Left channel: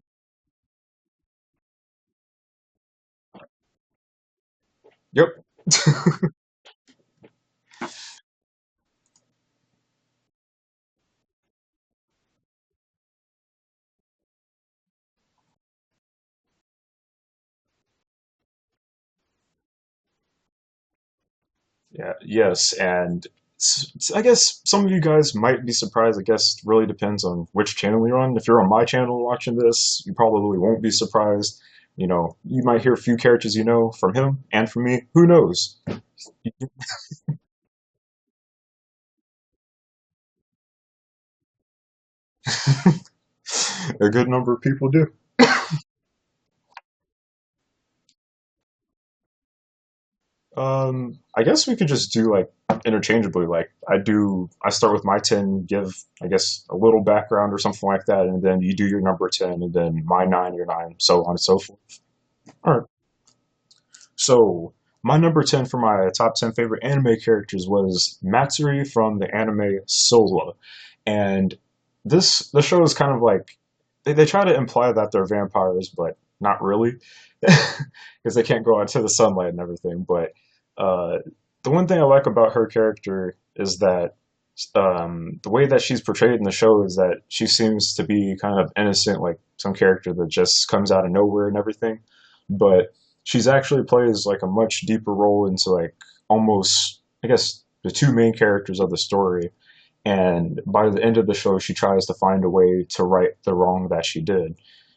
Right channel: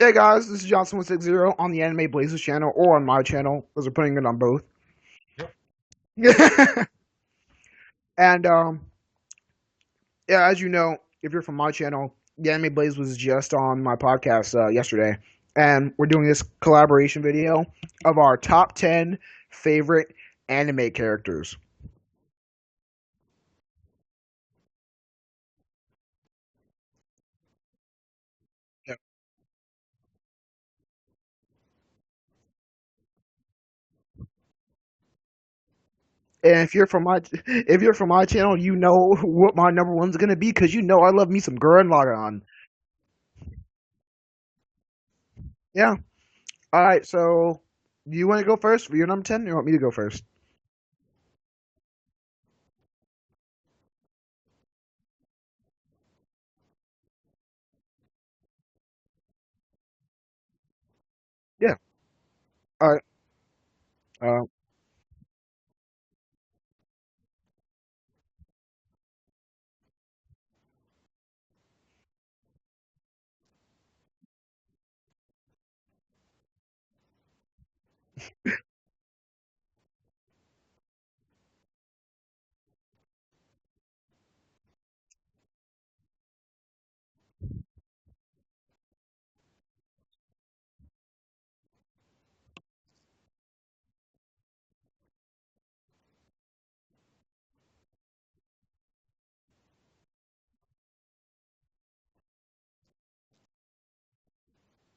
Hey guys, this is Giant6160 on the Anime Blazers channel or on my channel, because we're putting it on both. Yep. and yeah, as you know, if you're from my channel, the Anime Blaze was just on my podcast yesterday, and we're doing this collaboration video of our top 10 favorite anime characters. Yeah. Yes. And I guess some of you guys might be surprised. I guess it really depends on which channel you're on. If you're on my channel watching this, you probably won't be surprised. You might hear a few characters you know from him and from me. Who knows? And if you're from my channel, you know what my number one's gonna be because you know I love me some Gurren Lagann. A good number of people do. Yeah. All right. So, do you want to go first for your number 10, or you want me to go first? I guess we could just do like interchangeably. Like I start with my 10, give I guess a little background or something like that, and then you do your number 10, and then my nine, your nine, so on and so Yeah. forth. All right. All right. Uh, So my number 10 for my top 10 favorite anime characters was Matsuri from the anime Sola. And the show is kind of like they try to imply that they're vampires, but not really. Because they can't go out into the sunlight and everything. But uh, the one thing I like about her character is that the way that she's portrayed in the show is that she seems to be kind of innocent, like some character that just comes out of nowhere and everything. But she's actually plays like a much deeper role into like almost, I guess, the two main characters of the story. And by the end of the show, she tries to find a way to right the wrong that she did.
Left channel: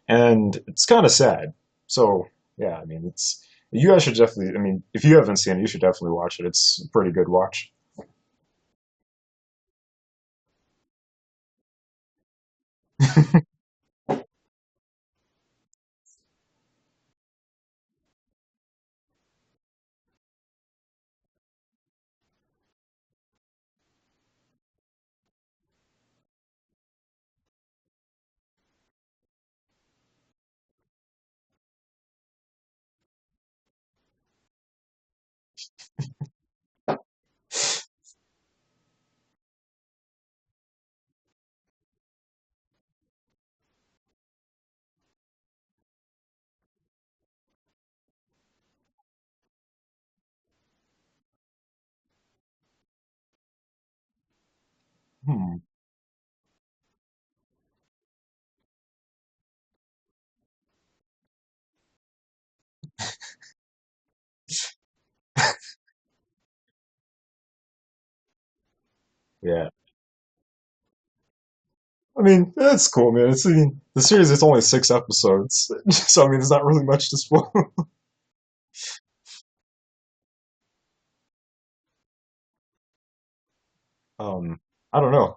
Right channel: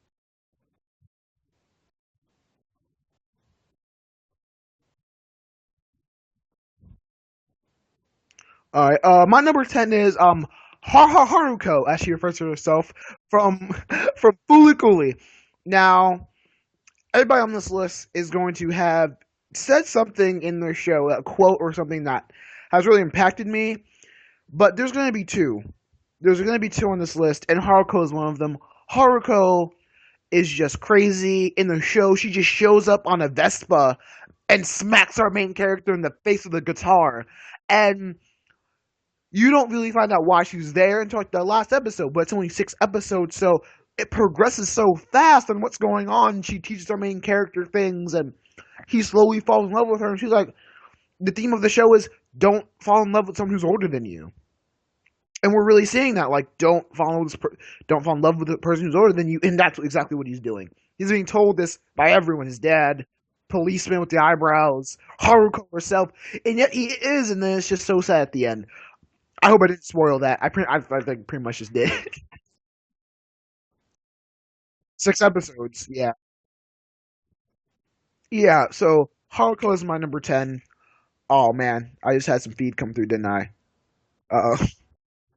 And it's kind of sad. So, yeah, I mean, you guys should definitely, I mean, if you haven't seen it, you should definitely watch it. It's a pretty good watch. all right. My number 10 is Haruko, as she refers to herself, from from Fooly. Now, everybody on this list is going to have said something in their show, a quote or something that has really impacted me. But there's going to be two. There's going to be two on this list, and Haruko is one of them. Haruko is just crazy in the show. She just shows up on a Vespa and smacks our main character in the face with a guitar, and you don't really find out why she's there until like the last episode. But it's only 6 episodes, so it progresses so fast on what's going on. She teaches our main character things, and he slowly falls in love with her. And she's like, the theme of the show is don't fall in love with someone who's older than you. And Hmm. we're really seeing that, like, don't fall in love with the person who's older than you, and that's exactly what he's doing. He's being told this by everyone: his dad, policeman with the eyebrows, Haruko herself, and yet he is, and then it's just so sad at the end. I hope Yeah. I didn't spoil that. I think pretty much just did. I mean, that's cool, man. I mean, the series is only six Six episodes, episodes, yeah, so I mean, there's not really much to spoil. yeah. So Haruko is my number 10. Oh man, I just had some feed come through, didn't I? Um, Uh, I don't know.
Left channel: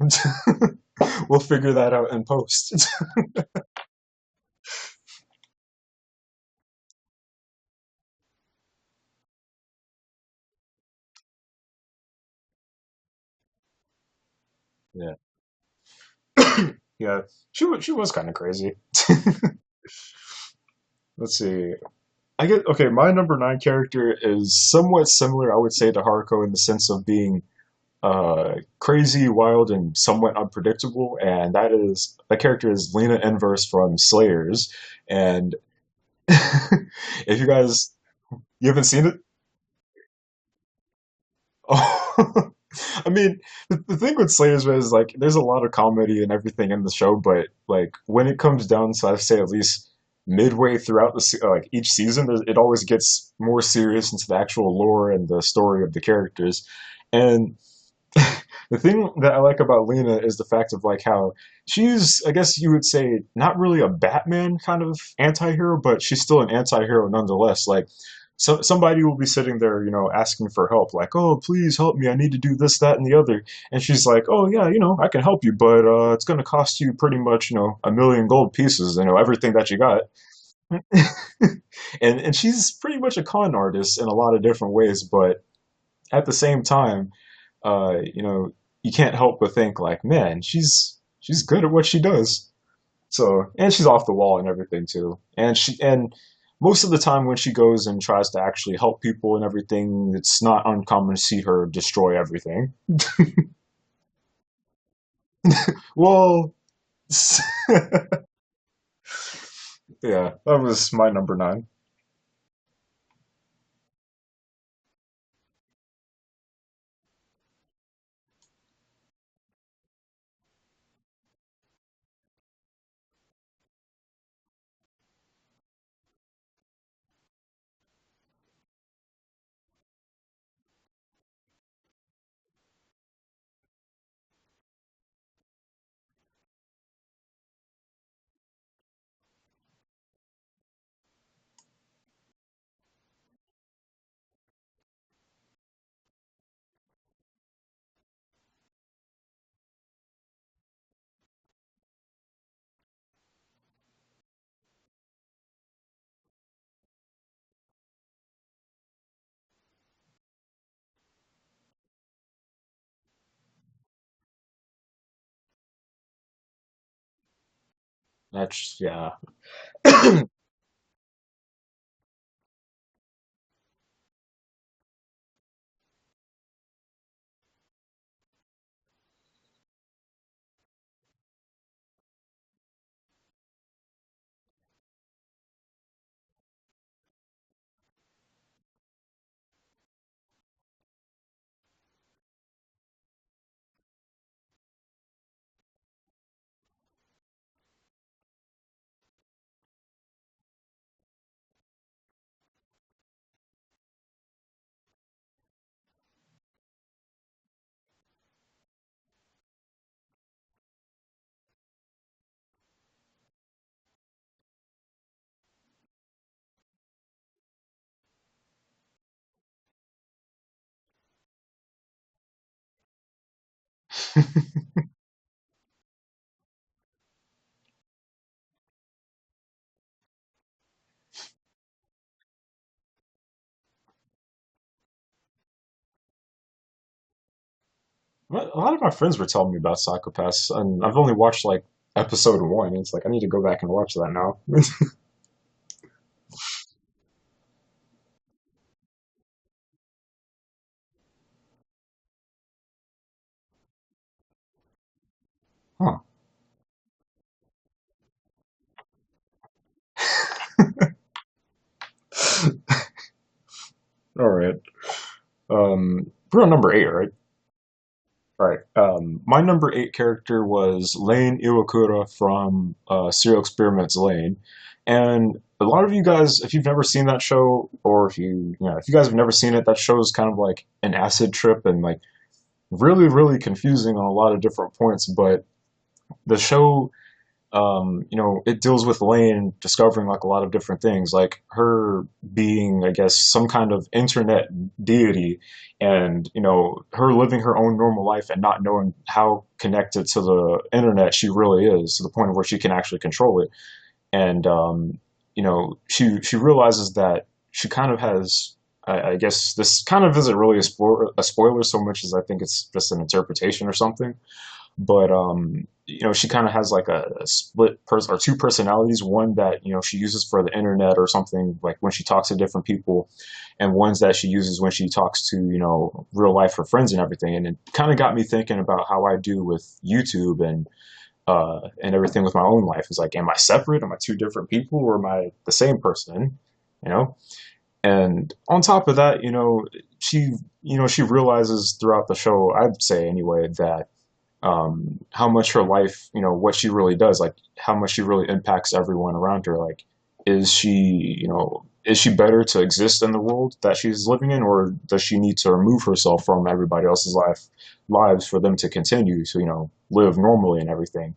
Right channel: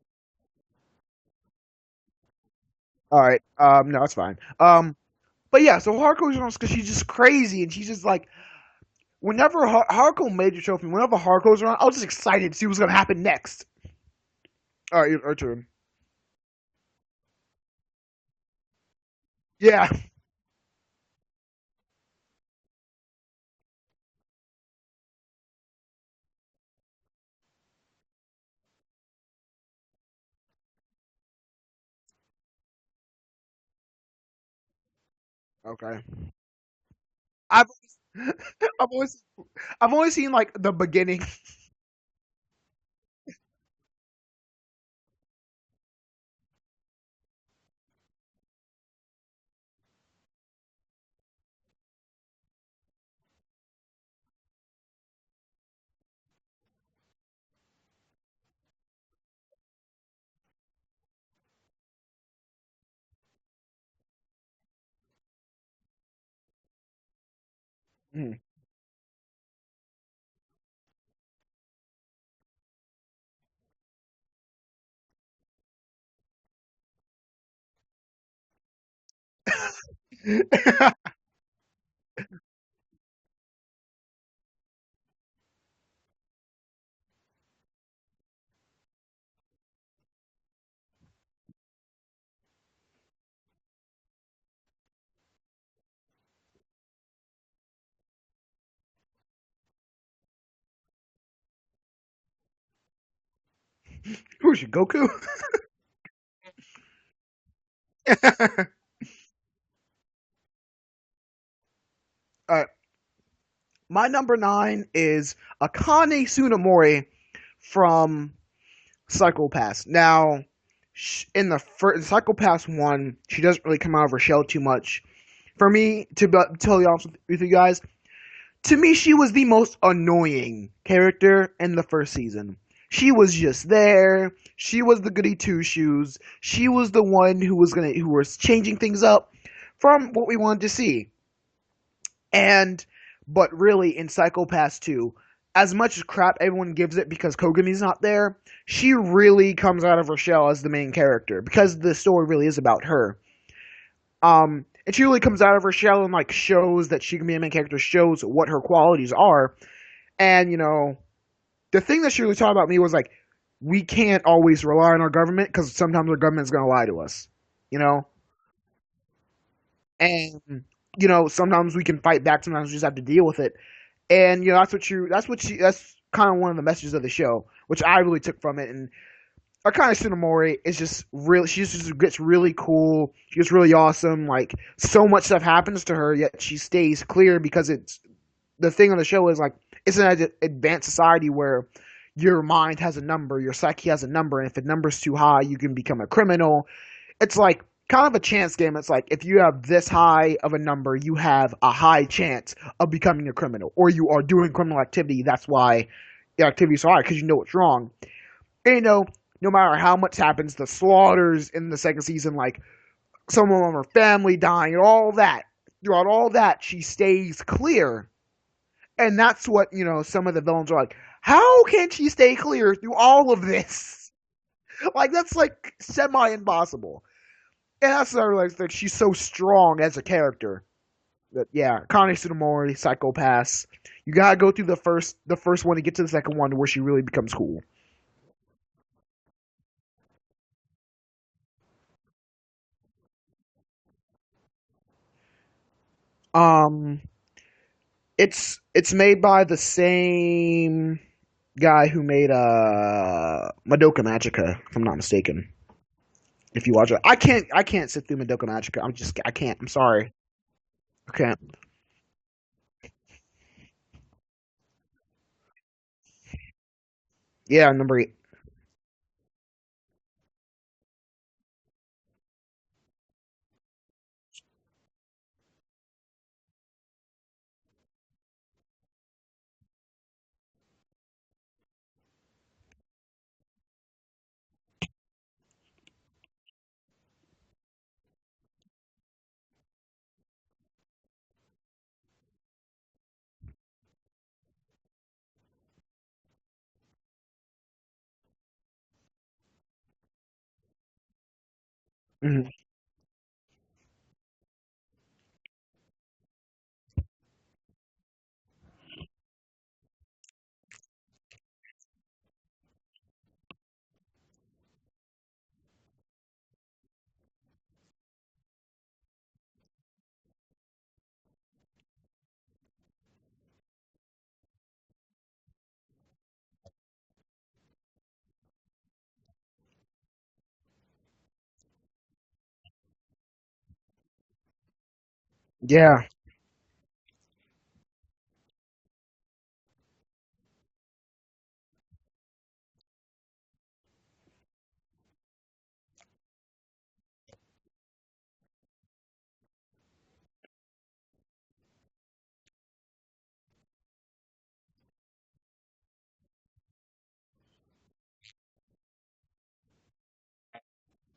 We'll figure that out in post. all right. No, it's fine. But yeah, so Haruko is because she's just crazy, and she's just like, whenever Haruko made your trophy, whenever Haruko's around, I was just excited to see what's gonna happen next. All right, Yeah. your turn. Yeah, she was kind of crazy. Yeah. Let's see. I get okay. My number nine character is somewhat similar, I would say, to Haruko in the sense of being crazy, wild, and somewhat unpredictable. And that character is Lena Inverse from Slayers. And Okay. if you I've guys you haven't I've seen only, it, I've only seen like the beginning. oh, I mean, the thing with Slayers is like there's a lot of comedy and everything in the show, but like when it comes down to I'd say at least midway throughout like each season, it always gets more serious into the actual lore and the story of the characters. And the thing that I like about Lena is the fact of like how she's, I guess you would say, not really a Batman kind of anti-hero, but she's still an anti-hero nonetheless. Like, Mm. somebody will be sitting there, asking for help, like, "Oh, please help me! I need to do this, that, and the other." And she's like, "Oh yeah, I can help you, but it's going to cost you pretty much, a million gold pieces, everything that you got." And she's pretty much a con artist in a lot of different ways, but at the same time you can't help but think like, man, she's good at what she does. So, and she's off the wall and everything too. And most of the time when she goes and tries to actually help people and everything, it's not uncommon to see her destroy everything. Who's she, Goku? Well, Yeah, that was my number nine. Uh, my number nine is Akane Tsunemori from Psychopaths. Now, in the first Psychopaths 1, she doesn't really come out of her shell too much. For me, to be totally honest with you guys, to me, she was the most annoying character in the first season. She was just there. She was the goody two shoes. She was the one who was changing things up from what we wanted to see. And but really in Psychopaths 2, as much as crap everyone gives it because Kogami's not there, she really comes out of her shell as the main character because the story really is about her. And she really comes out of her shell and like shows that she can be a main character, shows what her qualities are. And the thing that she really taught about me was like, we can't always rely on our government because sometimes our government's gonna lie to us. You know, That's yeah. and sometimes we can fight back. Sometimes we just have to deal with it. And that's kind of one of the messages of the show, which I really took from it. And Akane Tsunemori is just really, she just gets really cool. She gets really awesome. Like so much stuff happens to her, yet she stays clear because it's the thing on the show is like it's an advanced society where your mind has a number, your psyche has a number, and if the number's too high, you can become a criminal. It's like kind of a chance game. It's like if you have this high of a number, you have a high chance of becoming a criminal, or you are doing criminal activity. That's why the activity is so high because you know it's wrong. And, no matter how much happens, the slaughters in the second season, like someone of her family dying, and all that. Throughout all that, she stays clear, and that's what some of the villains are like. How can she stay clear through all of this? Like that's like semi impossible. And that's why I realized that she's so strong as a character. That yeah, Connie Tsunemori, Psychopaths. You gotta go through the first one to get to the second one where she really becomes cool. A lot of my friends were telling me about Psychopaths, and I've only watched like episode one. It's like I need to go back and watch that now. Um, it's made by the same guy who made Madoka Magica, if I'm not mistaken. Huh. If you watch it, I can't sit through Madoka Magica. I can't. I'm sorry. I can't. All right. We're on number eight, right? Yeah, number 8. All right. My number eight character was Lane Iwakura from Serial Experiments Lane, and a lot of you guys, if you've never seen that show, or if you guys have never seen it, that show is kind of like an acid trip and like really, really confusing on a lot of different points. But the show it deals with Lane discovering like a lot of different things, like her being, I guess, some kind of internet deity, and her living her own normal life and not knowing how connected to the internet she really is, to the point where Mhm. she can actually control it. And she realizes that she kind of has. I guess this kind of isn't really a spoiler so much as I think it's just an interpretation or something, but she kind of has like a split person or two personalities, one that she uses for the internet or something, like when she talks to different people, and ones that she uses when she talks to real life her friends and everything. And it kind of got me thinking about how I do with YouTube and everything with my own life. Is like, am I separate? Am I two different people, or am I the same Yeah, person? you know and on top of that, she realizes throughout the show, I'd say anyway, that how much her life, what she really does, like how much she really impacts everyone around her. Like, is she better to exist in the world that she's living in, or does she need to remove herself from everybody else's lives for them to continue to, live normally and everything?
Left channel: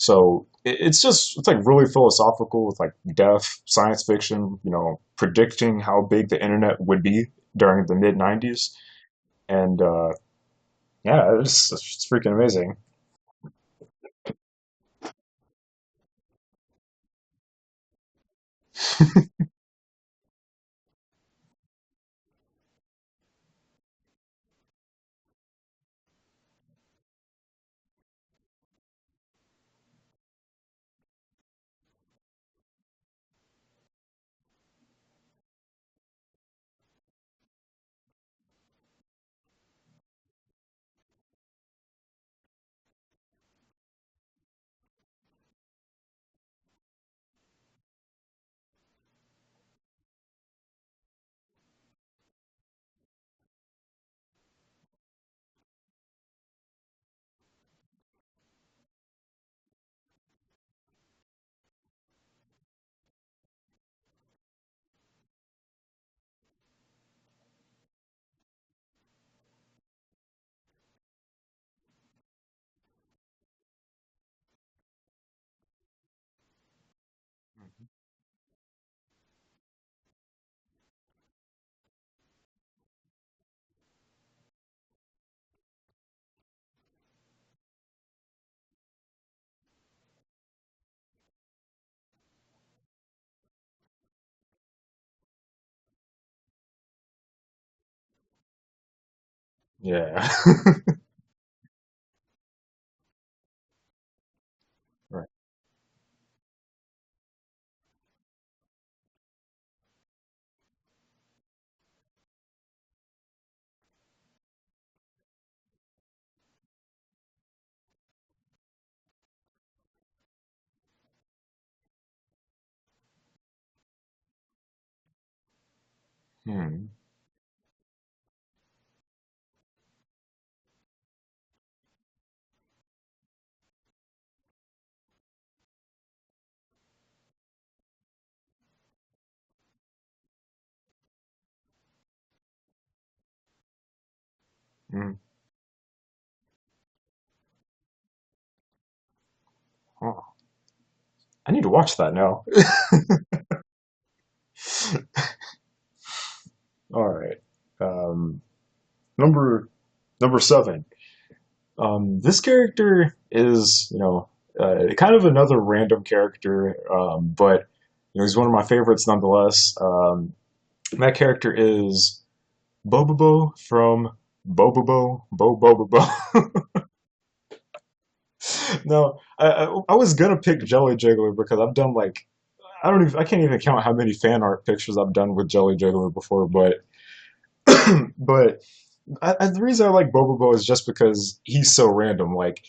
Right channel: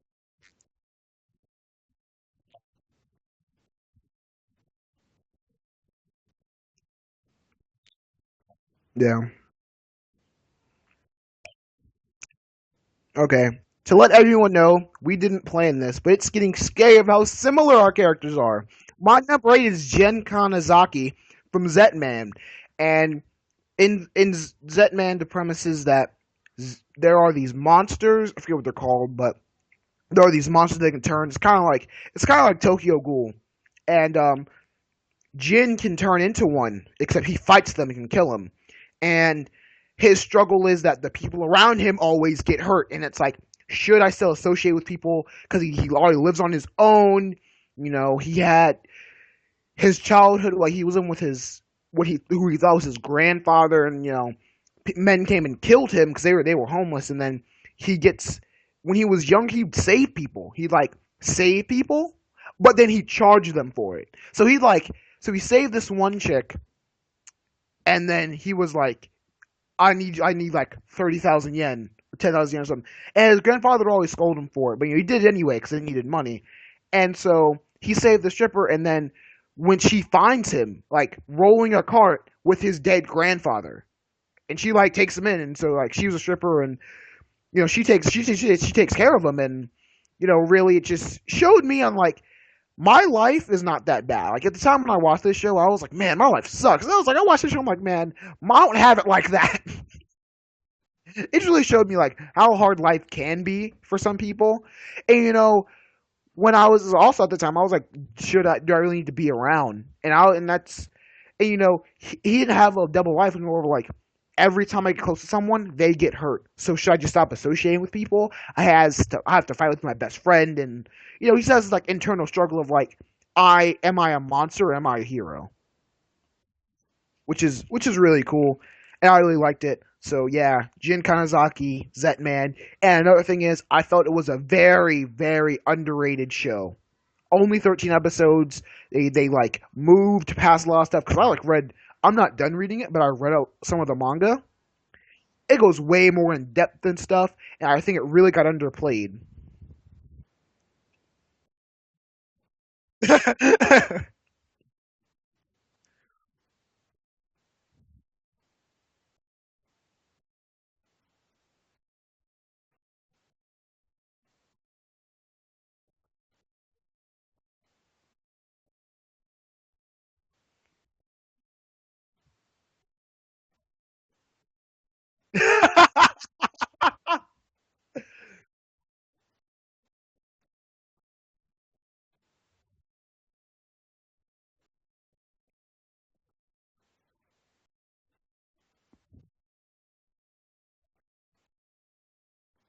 So it's like really philosophical with like death, science fiction, predicting how big the internet would be during the mid '90s, yeah. and yeah, it's freaking amazing. Okay. To let everyone know, we didn't plan this, but it's getting scary of how similar our characters are. My number 8 is Gen Kanazaki from Zetman, and in Zetman, the premise is that there are these monsters. I forget what they're called, but there are these monsters that can turn. It's kind of like Tokyo Ghoul, and Jin can turn into one, except he fights them and can kill them. And his struggle is that the people around him always get hurt, and it's like, should I still associate with people because he already lives on his own? He had his childhood, like he was in with his who he thought was his grandfather, and men came and killed him because they were homeless, and then he gets when he was young he'd save people. He'd like save people, but then he charged them for it. So he saved this one chick, and then he was like, I need like 30,000 yen or 10,000 yen or something. And his grandfather would always scold him for it, but he did it anyway because he needed money. And so he saved the stripper, and then when she finds him like rolling a cart with his dead grandfather, and she like takes him in, and so like she was a stripper, and she takes care of him, and really it just showed me on like my life is not that bad. Like at the time when I watched this show, I was like, man, my life sucks. And I watched this show, I'm like, man, I don't have it like that. Yeah. It really showed me like how hard life can be for some people. And when I was also at the time, I was like, do I really need to be around? He didn't have a double life anymore. Like every time I get close to someone, they get hurt. So should I just stop associating with people? I have to fight with my best friend, and he says this like internal struggle of like, am I a monster or am I a hero? Hmm. Which is really cool, and I really liked it. So yeah, Jin Kanazaki, Zetman, and another thing is, I felt it was a very very underrated show. Only 13 episodes. They like moved past a lot of stuff because I like read. I'm not done reading it, but I read out some of the manga. Hmm. It goes way more in depth and stuff, and I think it really got underplayed. Oh, I need to watch that now. All right. Um, number number seven. This character is, kind of another random character, but he's one of my favorites nonetheless. That character is Bobobo from Bobobo Bobobo. No, I was gonna pick Jelly Jiggler because I've done like I can't even count how many fan art pictures I've done with Jelly Jiggler before, but but the reason I like Bobobo is just because he's so random. Like,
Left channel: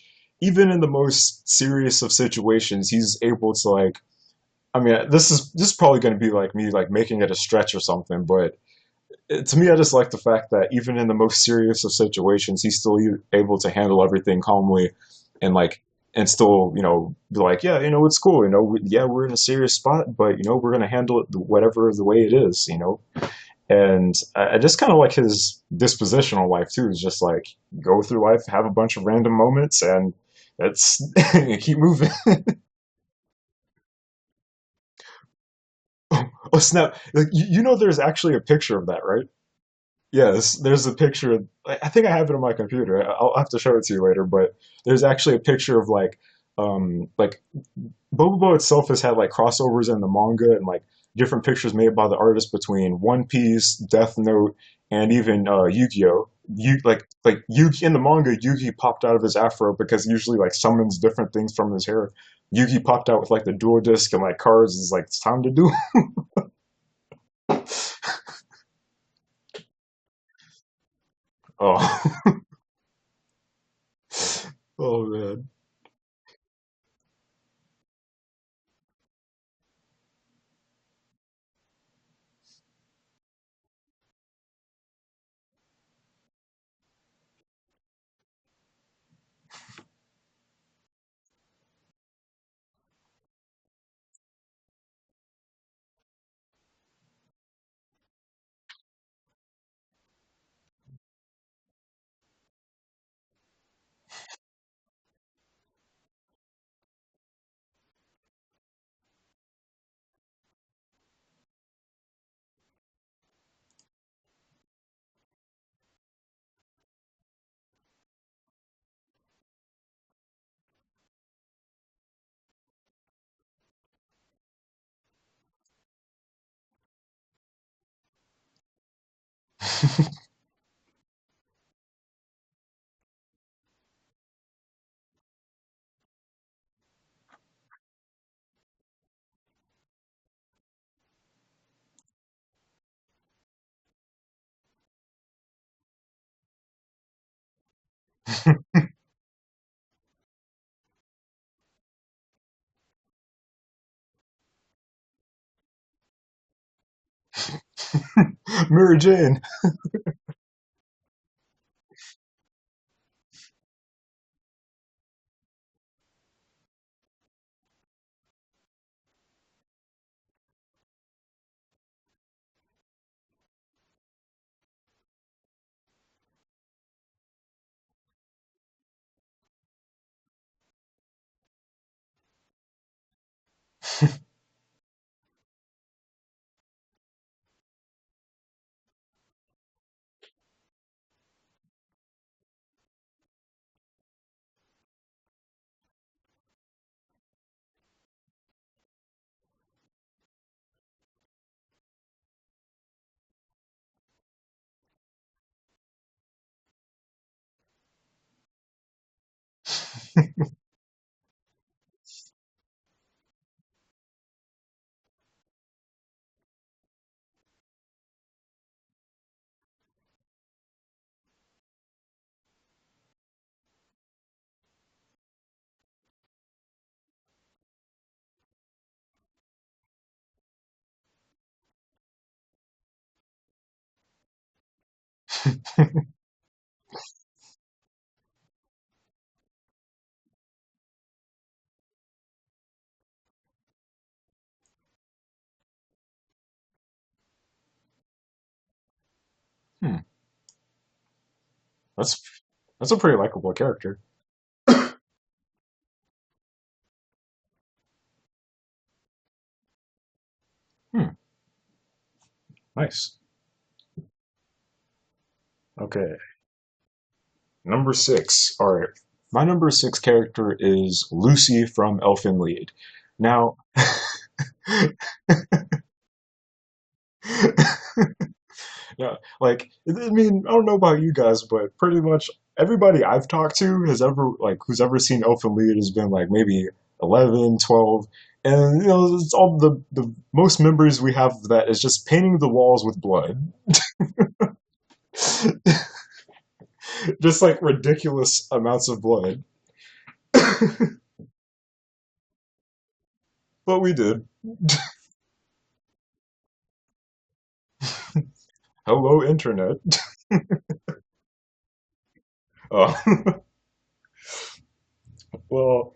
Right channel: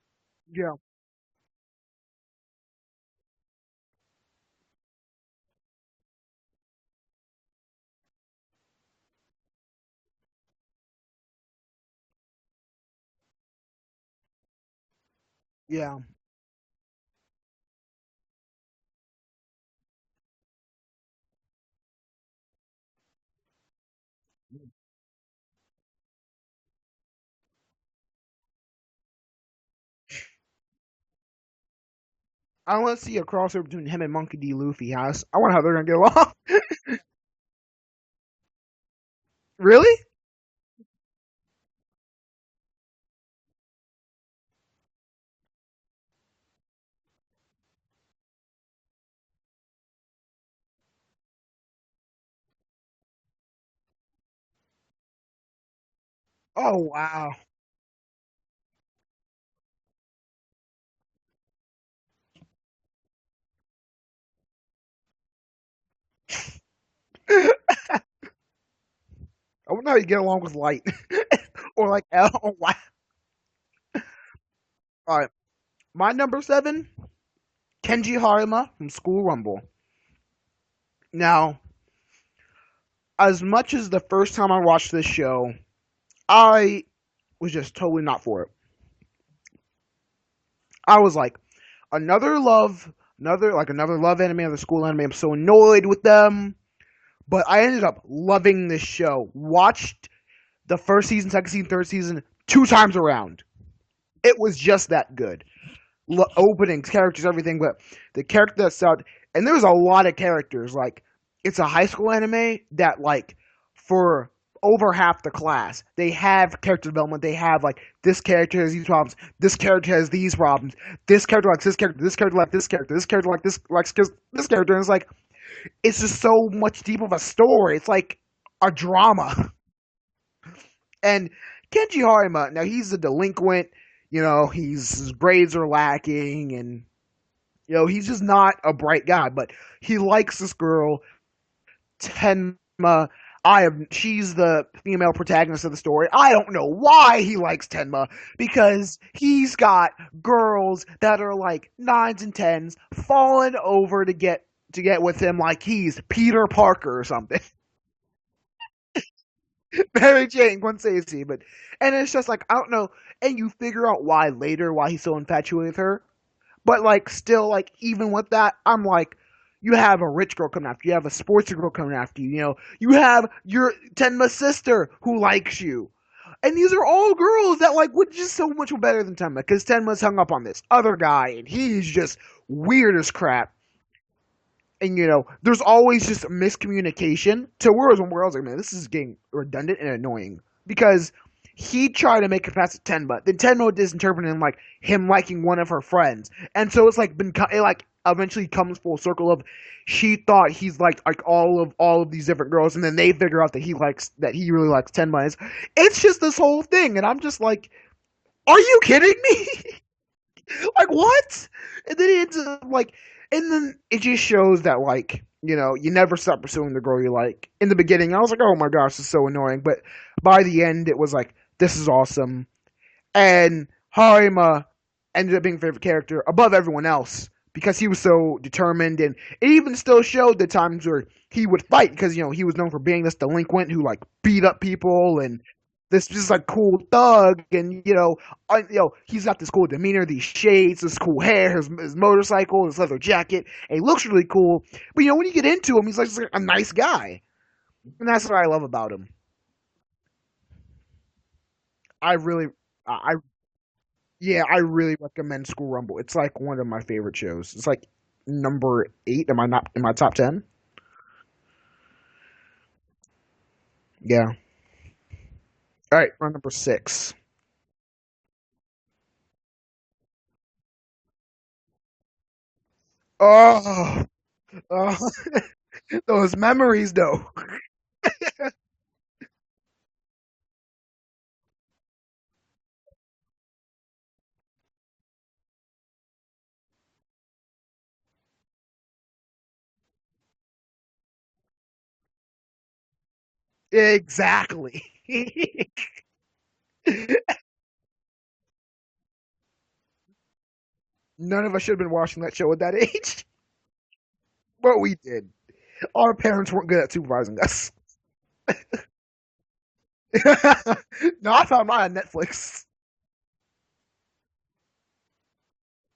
even Yeah, in the most serious of situations, he's able to like. I mean, this is probably going to be like me like making it a stretch or something, but to me, I just like the fact that even in the most serious of situations, he's still able to handle everything calmly, and like yeah, and still be like, yeah, it's cool, yeah, we're in a serious spot, but we're going to handle it whatever the way it is, and I just kind of like his dispositional life too. Is just like go through life, have a bunch of random moments, and that's keep moving. I want to see a crossover between him and Monkey D. Luffy. I wonder how they're gonna get along. Oh snap! Like, there's actually a picture of that, right? Really? Yes, there's a picture. I think I have it on my computer. I'll have to show it to you later. But there's actually a picture of like Bobobo itself has had like crossovers in the manga and like different pictures made by the artist between One Piece, Death Note, and even Yu-Gi-Oh! Oh wow. Like Yugi in the manga, Yugi popped out of his afro because he usually like summons different things from his hair. Yugi popped out with like the dual disc and like cards. Is like it's time to do. I wonder how you get along with Light. Or like, Oh, oh wow. oh All right, god. my number seven, Kenji Harima from School Rumble. Now, as much as the first time I watched this show, I was just totally not for it. I was like, another love anime, another school anime. I'm so annoyed with them. But I ended up loving this show. Watched the first season, second season, third season 2 times around. It was just that good. Openings, characters, everything. But the character that sound, and there's a lot of characters. Like it's a high school anime that like for over half the class they have character development. They have like this character has these problems. This character has these problems. This character likes this character. This character like this character. This character like this likes this character. And it's like it's just so much deep of a story. It's like a drama. And Kenji Harima, now he's a delinquent. His grades are lacking, and he's just not a bright guy. But he likes this girl, Tenma. She's the female protagonist of the story. I don't know why he likes Tenma because he's got girls that are like nines and tens falling over to get to get with him like he's Peter Parker or something. Mary Jane. Mary Jane, Gwen Stacy, but and it's just like I don't know, and you figure out why later why he's so infatuated with her, but like still like even with that, I'm like, you have a rich girl coming after you, have a sports girl coming after you, you know, you have your Tenma's sister who likes you, and these are all girls that like would just so much better than Tenma because Tenma's hung up on this other guy and he's just weird as crap. And you know, there's always just miscommunication to where I was like, man, this is getting redundant and annoying because he tried to make it past Tenma, then Tenma misinterpreted him like him liking one of her friends, and so it's like it like eventually comes full circle of she thought he's like all of these different girls, and then they figure out that he really likes Tenma. It's just this whole thing, and I'm just like, are you kidding me? Like what? And then he ends up like, and then it just shows that like you know you never stop pursuing the girl you like. In the beginning, I was like, oh my gosh, this is so annoying, but by the end, it was like this is awesome, and Harima ended up being a favorite character above everyone else because he was so determined, and it even still showed the times where he would fight because you know he was known for being this delinquent who like beat up people and this just like cool thug, and he's got this cool demeanor, these shades, this cool hair, his motorcycle, his leather jacket, and he looks really cool. But you know when you get into him, he's like just, like, a nice guy, and that's what I love about him. Hmm. I That's really, that's a pretty likable character. yeah, I really recommend School Rumble. It's like one of my favorite shows. It's like number 8. Am I not in my top 10? Hmm. Nice. Yeah. All right, Okay. for number 6. Number 6. All right. My number 6 character is Lucy from Elfen Lied. Now, Oh, oh. Those memories, though. yeah, like I mean, I don't know about you guys, but pretty much everybody I've talked to has ever like who's ever seen Elfen Lied has been like maybe 11, 12, and you know, it's all the most memories we have of that is just painting the walls with blood. Exactly. Just like ridiculous amounts of blood. None of us should have been watching that show at that age, But we did. but we did. Our parents weren't good at supervising us. Hello, internet. No, I found mine on Netflix. Oh. Well,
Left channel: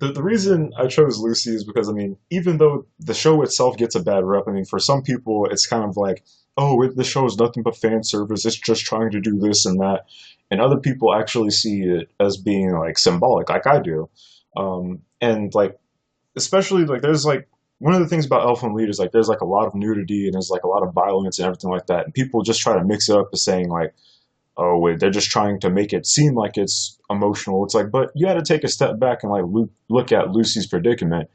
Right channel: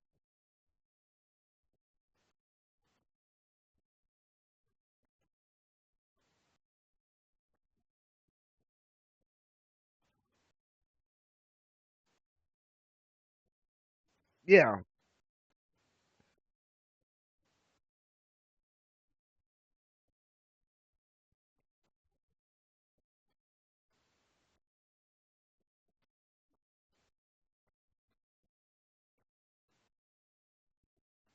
the reason I chose Lucy is because, I mean, even though the show itself gets a bad rep, I mean, for some people, it's kind of like, oh, the show is nothing but fan service. It's just trying to do this and that. And other people actually see it as being like symbolic, like I do. Yeah. And like, especially like, there's like, one of the things about Elfen Lied is like, there's like a lot of nudity and there's like a lot of violence and everything like that. And people just try to mix it up as saying like, oh wait, they're just trying to make it seem like it's emotional. It's like, but you got to take a step back and like look at Lucy's predicament.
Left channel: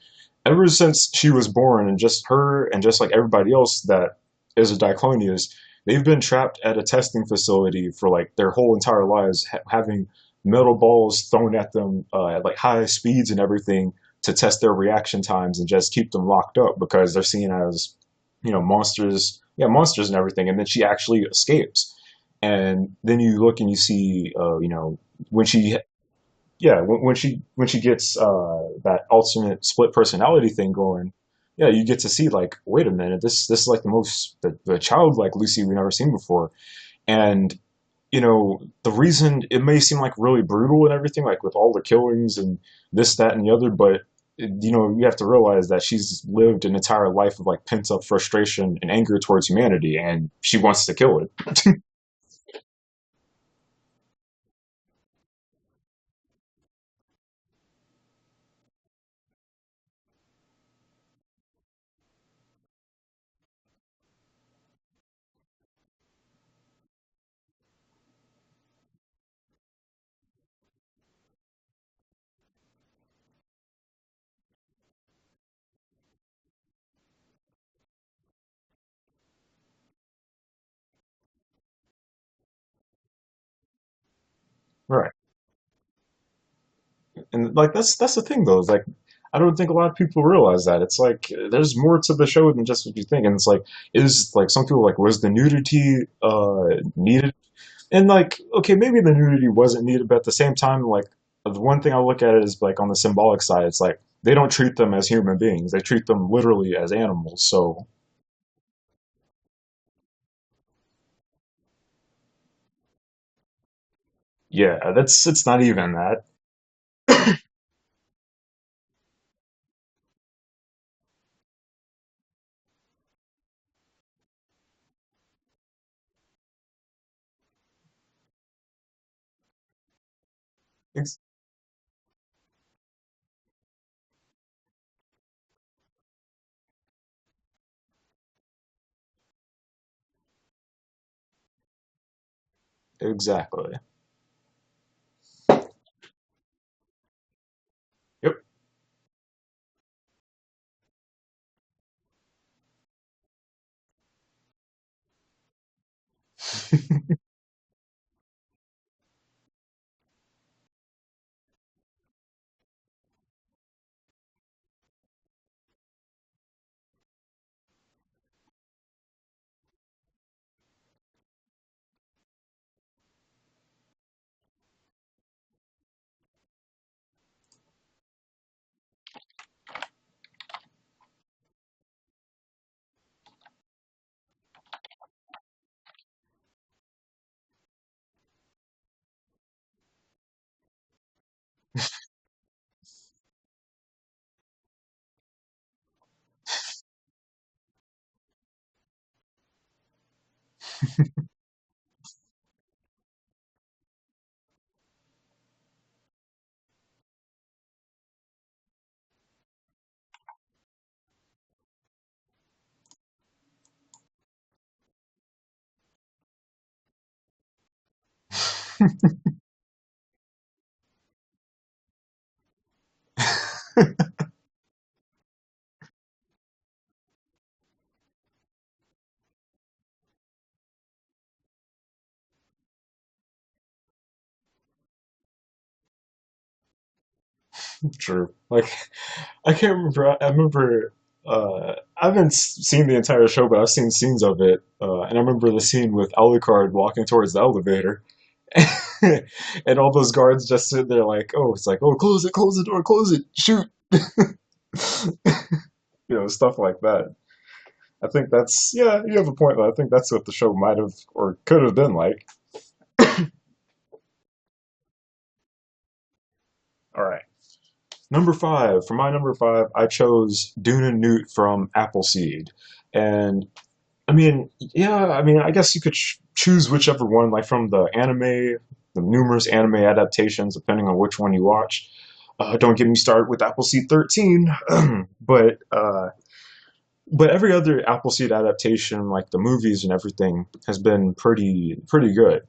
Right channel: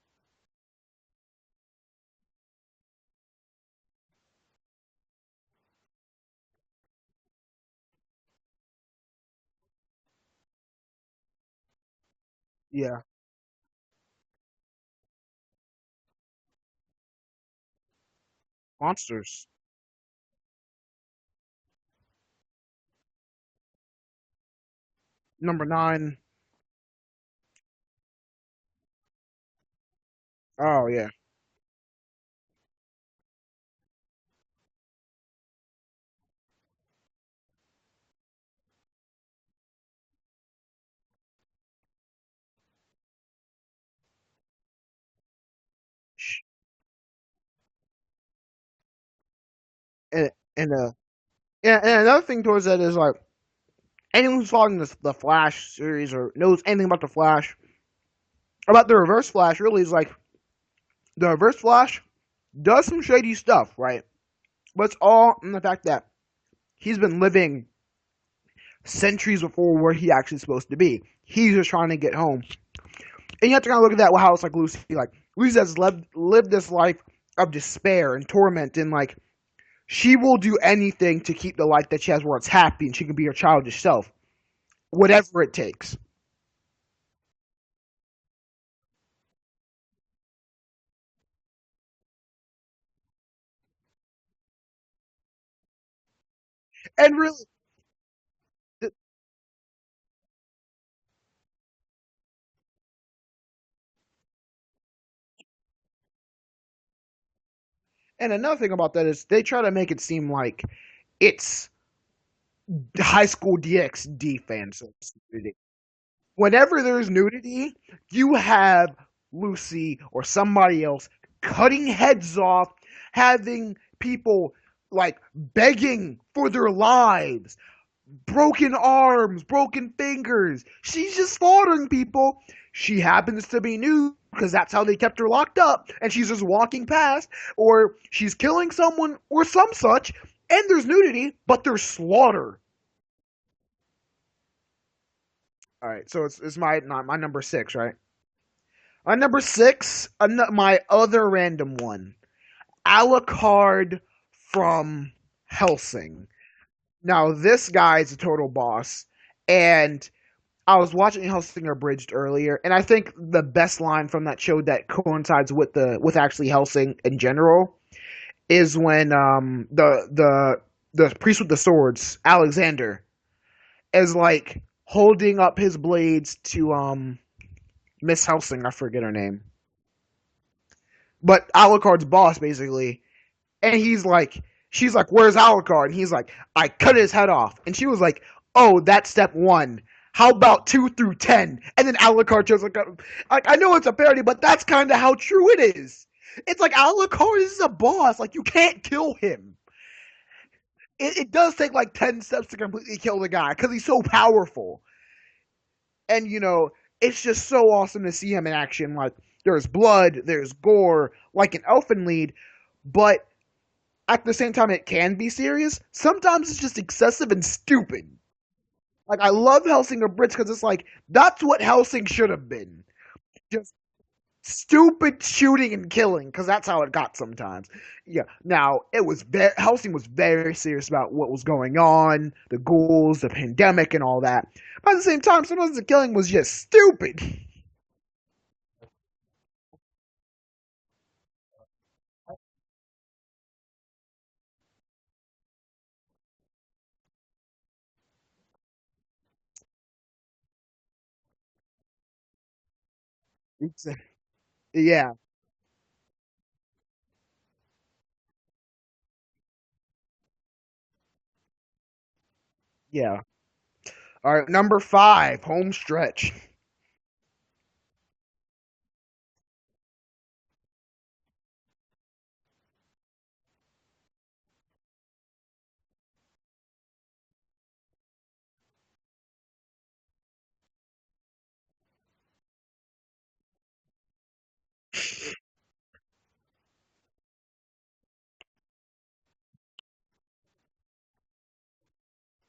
Ever since she was born, and just her and just like everybody else that is a Diclonius, they've been trapped at a testing facility for like their whole entire lives, having metal balls thrown at them at like high Yeah. speeds and everything to test their reaction times and just keep them locked up because they're seen as monsters, Monsters. yeah, monsters and everything. And then she actually escapes, and then you look and you see when Number she, 9. yeah, when she gets that alternate split personality thing Oh, yeah. going, yeah, you get to see like, wait a minute, this is like the childlike Lucy we've never seen before. And the reason it may seem like really brutal and everything, like with all the killings and this, that, and the other, but you have to realize that she's lived an entire life of like pent up frustration and anger towards humanity, and And, she and, wants uh, to kill it. and another thing towards that is like, anyone who's following the Flash series or knows anything about the Flash, about the Reverse Flash, really is like, the Reverse Flash does some shady stuff, right? But it's all in the fact that he's been living centuries before where he actually supposed to be. He's just trying to get home. And you have to kind of look at that, how it's like Lucy. Like, Lucy has lived this life of despair and torment, and like, she will do anything to keep the life that she has where it's happy and she can be her childish self, Right. whatever it takes. And like that's the thing though, is like I don't think a lot of people realize that. It's like there's more to the show than just what you think. And it's like, is like some people like, was the nudity And needed? really, And like, okay, maybe the nudity wasn't needed, but at the same time, like the one thing I look at it is like on the symbolic side, it's like they don't treat them as human beings. They treat them literally as animals. So And another thing about that is they try to make it seem like it's high school DxD yeah, fantasy. that's it's not even that. Whenever there's nudity, you have Lucy or somebody else cutting heads off, having people like begging for their lives, broken arms, broken fingers. She's just slaughtering people. She happens to be nude because that's how they kept her locked up, and she's just walking past, or she's killing someone or some such, and there's nudity, but there's slaughter. Exactly. All right, so it's my number six, right? Yep. My number six, my other random one, Alucard from Helsing. Now this guy is a total boss, and I was watching Helsing Abridged earlier, and I think the best line from that show that coincides with actually Helsing in general is when the priest with the swords, Alexander, is like holding up his blades to Miss Helsing, I forget her name, but Alucard's boss basically, and she's like, "Where's Alucard?" And he's like, "I cut his head off," and she was like, "Oh, that's step one. How about 2 through 10?" And then Alucard just like, I know it's a parody, but that's kind of how true it is. It's like Alucard is a boss. Like you can't kill him. It does take like 10 steps to completely kill the guy because he's so powerful. And it's just so awesome to see him in action. Like there's blood, there's gore, like an elfin lead, but at the same time it can be serious. Sometimes it's just excessive and stupid. Like I love Helsing Abridged because it's like that's what Helsing should have been. Just stupid shooting and killing because that's how it got sometimes. Yeah. Now Helsing was very serious about what was going on, the ghouls, the pandemic, and all that. But at the same time, sometimes the killing was just stupid. True. Like I can't remember. I remember. I haven't seen the entire show, but I've seen scenes of it. And I remember the scene with Alucard walking towards the elevator, and all those guards just sit there like, "Oh, it's like, oh, close the door, close it, shoot." Yeah. Stuff like that. I think that's yeah. You have a point, though. I think that's what the show might have or could have been like. Yeah. All right. Number 5, home stretch. All right. Number five, for my number five, I chose Deunan Newt from Appleseed. And I mean, yeah, I mean, I guess you could choose whichever one, like from the anime, the numerous anime adaptations, depending on which one you watch. Don't get me started with Appleseed 13, but but every other Appleseed adaptation, like the movies and everything, has been pretty good.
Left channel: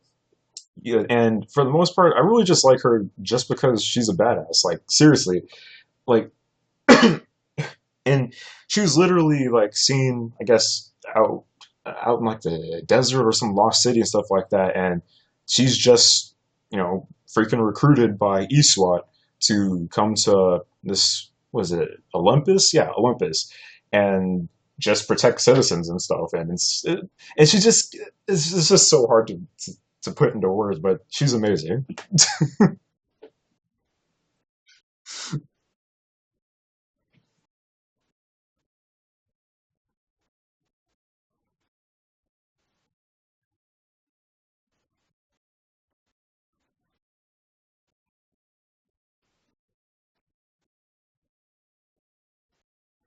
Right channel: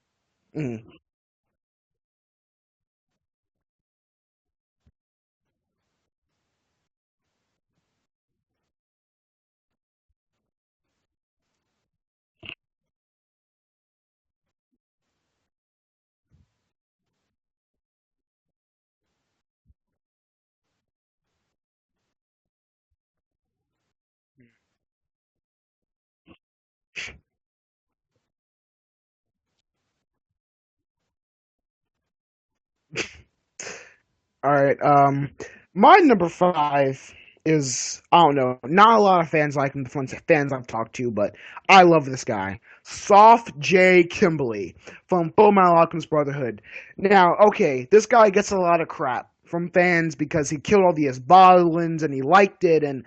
Mm. Yeah, and for the most part, I really just like her just because she's a badass. Like seriously, like, and she was literally like seen, I guess, out in like the desert or some lost city and stuff like that, and she's just freaking recruited by ESWAT to come to this was it Olympus? Yeah, Olympus, and just protect citizens and stuff. And and she just it's just so hard to put into words, but she's amazing. All right. My number 5 is I don't know. Not a lot of fans like him. The fans I've talked to, but I love this guy. Soft J. Kimberly from Full Metal Alchemist Brotherhood. Now, okay, this guy gets a lot of crap from fans because he killed all the Isbalans and he liked it. And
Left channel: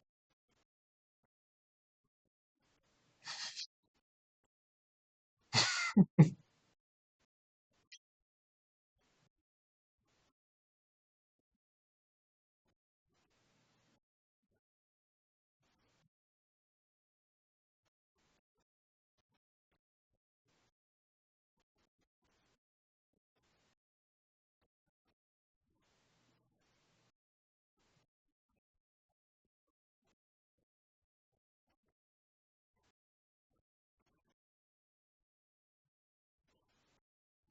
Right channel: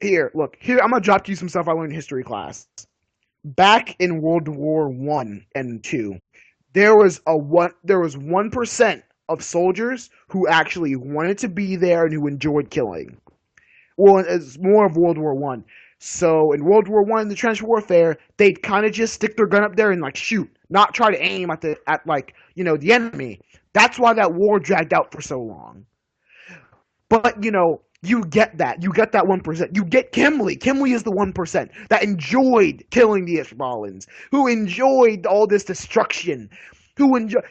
here, I'm gonna drop you some stuff I learned in history class. Back in World War I and II, there was 1% of soldiers who actually wanted to be there and who enjoyed killing. Well, it's more of World War One. So in World War One, the trench warfare, they'd kind of just stick their gun up there and like shoot, not try to aim at the enemy. That's why that war dragged out for so long. But you get that. You get that 1%. You get Kimley. Kimley is the 1% that enjoyed killing the Ishbalans, who enjoyed all this destruction,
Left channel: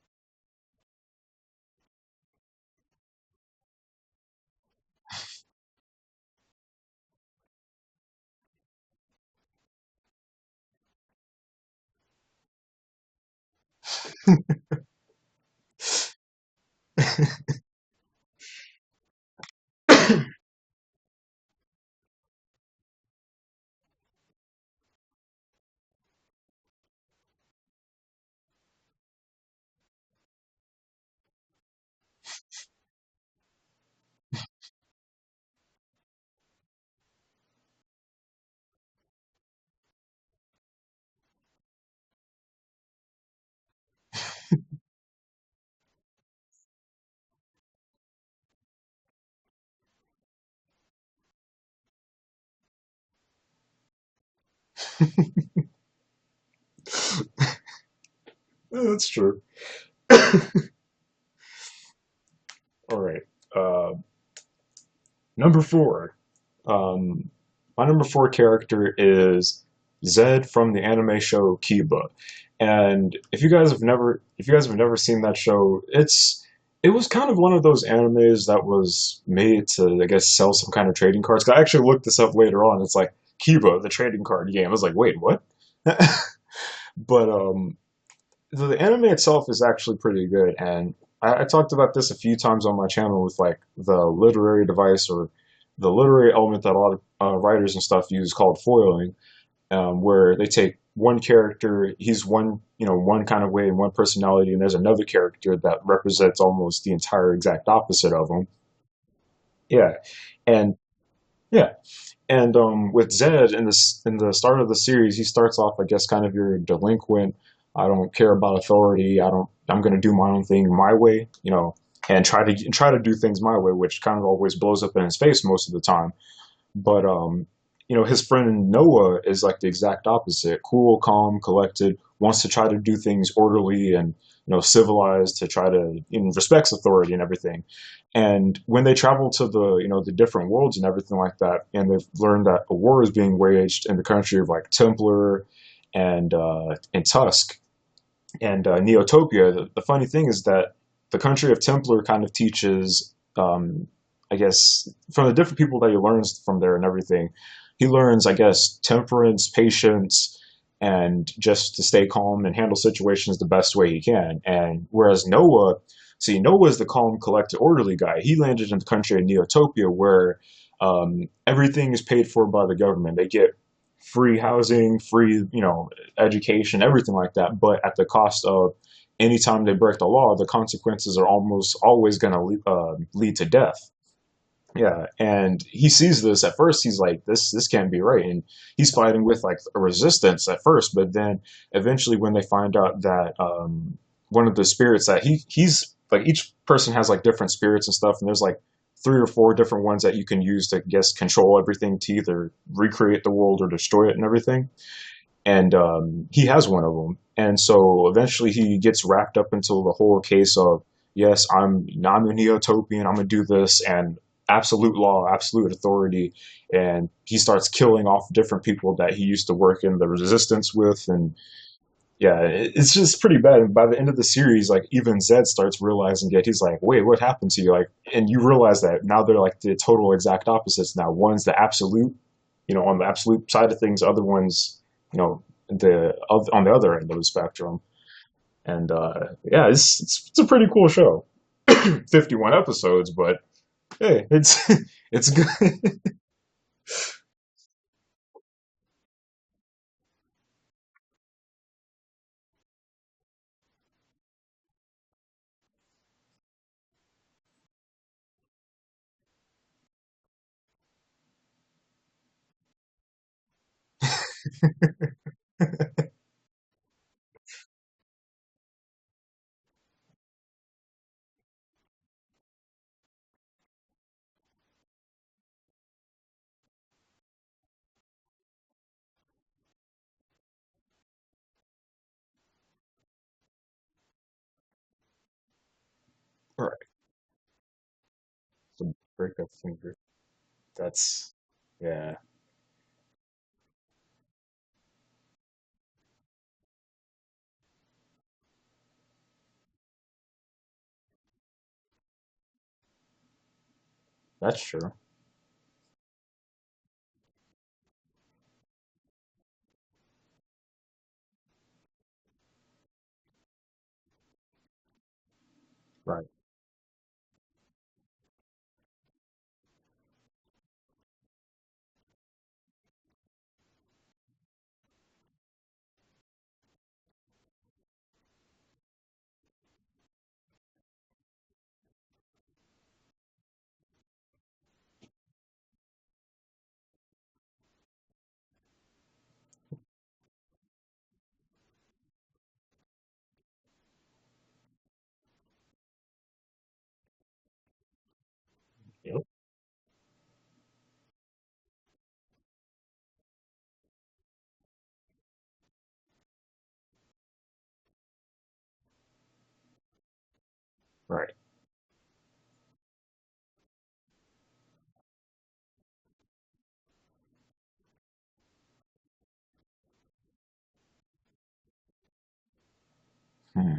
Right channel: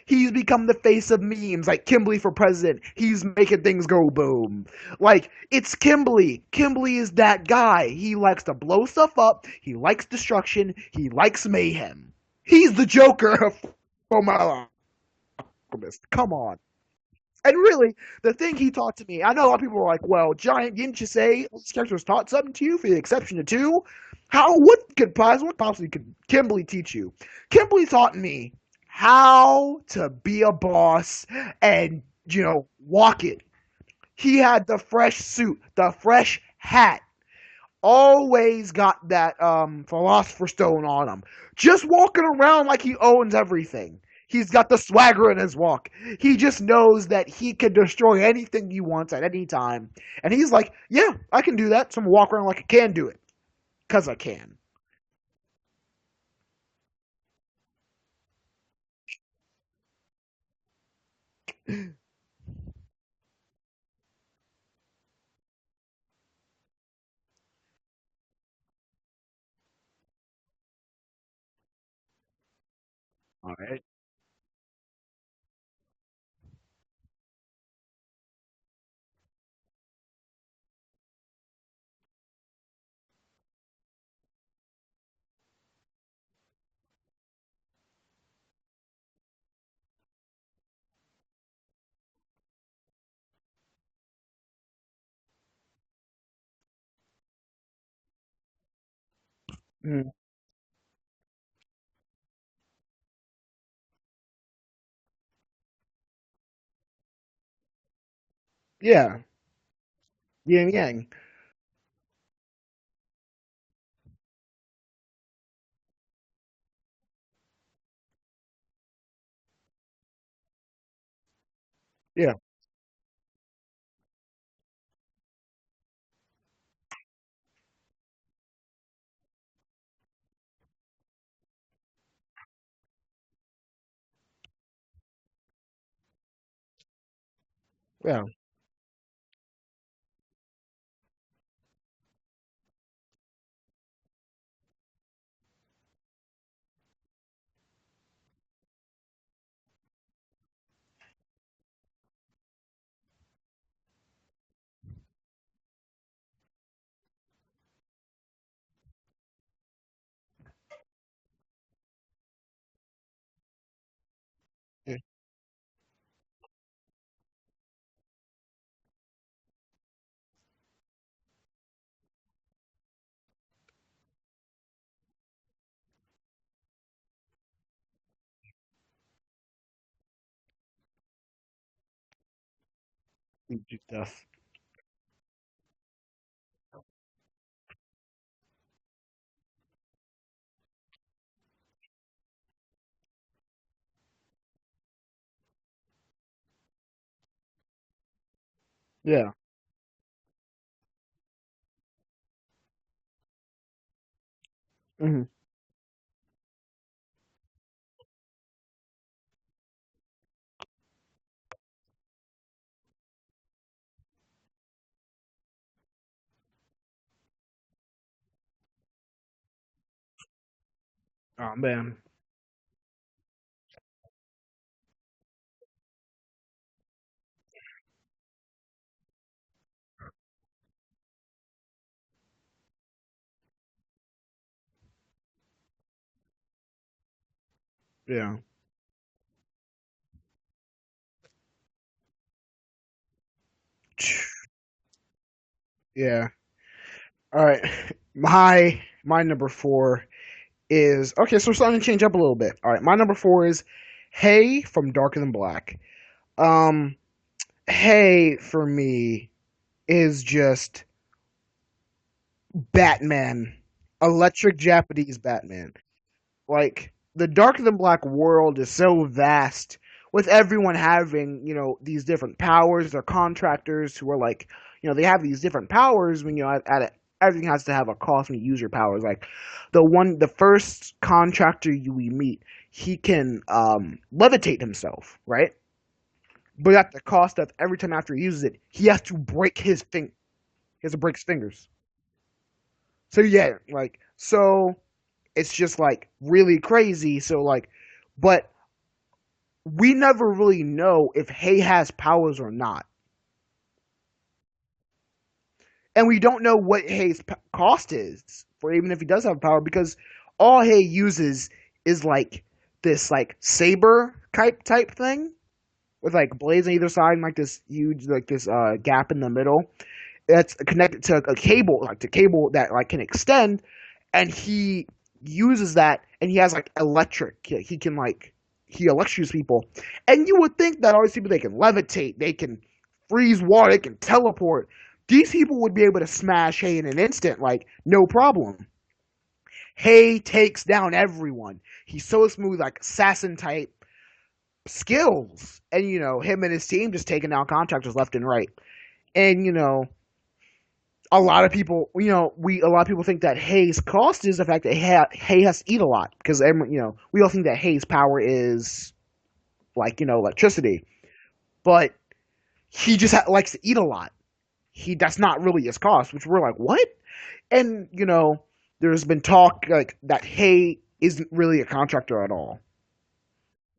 he's become the face of memes like Kimberly for president. He's making things go boom. Like it's Kimberly. Kimberly is that guy. He likes to blow stuff up. He likes destruction. He likes mayhem. He's the Joker of Fullmetal. Come on. And really, the thing he taught to me, I know a lot of people are like, well, Giant, didn't you say this character's taught something to you for the exception to two? What possibly could Kimberly teach you? Kimberly taught me how to be a boss and, walk it. He had the fresh suit, the fresh hat, always got that philosopher's stone on him. Just walking around like he owns everything. He's got the swagger in his walk. He just knows that he can destroy anything he wants at any time. And he's like, yeah, I can do that. So I'm gonna walk around like I can do it. Cause I can. That's true. All right. Number four. Um, my number four character is Zed from the anime show Kiba. And if you guys have never seen that show, it was kind of one of those animes that was made to, I guess, sell some kind of trading cards. 'Cause I actually looked this up later on. It's like Kiba, the trading card game. I was like, wait, what? But the anime itself is actually pretty good, and I talked about this a few times on my channel with like the literary device or the literary element that a lot of writers and stuff use called foiling, Mm, where they take one character, he's one, one kind of way and one personality, and there's another character that represents almost the entire exact opposite of him. yeah. Yeah, Yin and yang. yeah, and with Zed in the start of the series, he starts off, I guess, kind of your delinquent. I don't care about authority. I'm going to do my own thing my way, and Yeah. try to do things my way, which kind of always blows up in his face most of the time. But his friend Noah is like the exact opposite. Cool, calm, collected, wants to try to do things orderly and civilized to try to respects authority and everything. Yeah. And when they travel to the the different worlds and everything like that, and they've learned that a war is being waged in the country of like Templar and Tusk and Neotopia, the funny thing is that the country of Templar kind of teaches, I guess, from the different people that he learns from there and everything, he learns, I guess, temperance, patience, and just to stay calm and handle situations the best way he can. And Mm, whereas Noah, see, Noah is the calm, collected, orderly guy. He landed in the country of Neotopia where everything is paid for by the government. They get free housing, free, education, everything like that, but at the cost of anytime they break the law, the consequences are almost always going to lead to death. stuff. Yeah, and he sees this at first. He's like, "This can't be right," and he's fighting with like a resistance at first, but then eventually, when they find out that one of the spirits that he's like, each person has like different spirits and stuff, and there's like three or Yeah. four different ones that you can use to, I guess, control everything to either recreate the world or destroy it and everything. Hmm. And he has one of them, and so eventually he gets wrapped up into the whole case of, yes, I'm a Neotopian, I'm gonna do this, and absolute law, absolute authority, and he starts killing off different people that he used to work in the resistance with, and Oh man. yeah, it's just pretty bad. And by the end of the series, like even Zed starts realizing it. He's like, "Wait, what happened to you?" Like, and you realize that now they're like the total exact opposites. Now one's the absolute, on the absolute side of things. Other one's, on the other end of the spectrum. Yeah. And yeah, it's a pretty cool show. 51 episodes, but hey, it's it's good. Yeah. All right. My number four is okay. So we're starting to change up a little bit. All right. My number four is Hey from Darker Than Black. Um, Hey for me is just Batman, electric Japanese Batman. Like the Darker Than Black world is so vast, with everyone having these different powers. They're contractors who are like they have these different powers. When at it, everything has to have a cost when you use your powers. Like the first contractor we meet, he can levitate himself, right? But at the cost of every time after he uses it, he has to Break his break his finger. finger. He has to break his That's fingers. yeah, So yeah, so it's just like really crazy. So but we never really know if Hay has powers or not, that's true. and we don't know what Hay's cost is for even if he does have power because all Hay uses is like this like saber type thing. with Right. like blades on either side and like this huge like this gap in the middle. That's connected to a cable, like to cable that like can extend, and he uses that, and he has like electric. He can like he electrocutes people, and you would think that all these people they can levitate, they can freeze water, they can teleport. These people would be able to smash Hay in an instant, like no problem. Hay takes down everyone. He's so smooth, like assassin type skills, and him and his team just taking down contractors left and right. Yep. And a lot of people, a lot of people think that Hay's cost is the fact that Hay has to eat a lot because we all think that Hay's power is like electricity, Right. but he just likes to eat a lot. That's not really his cost, which we're like, what? And there's been talk like that Hay isn't really a contractor at all. Hmm.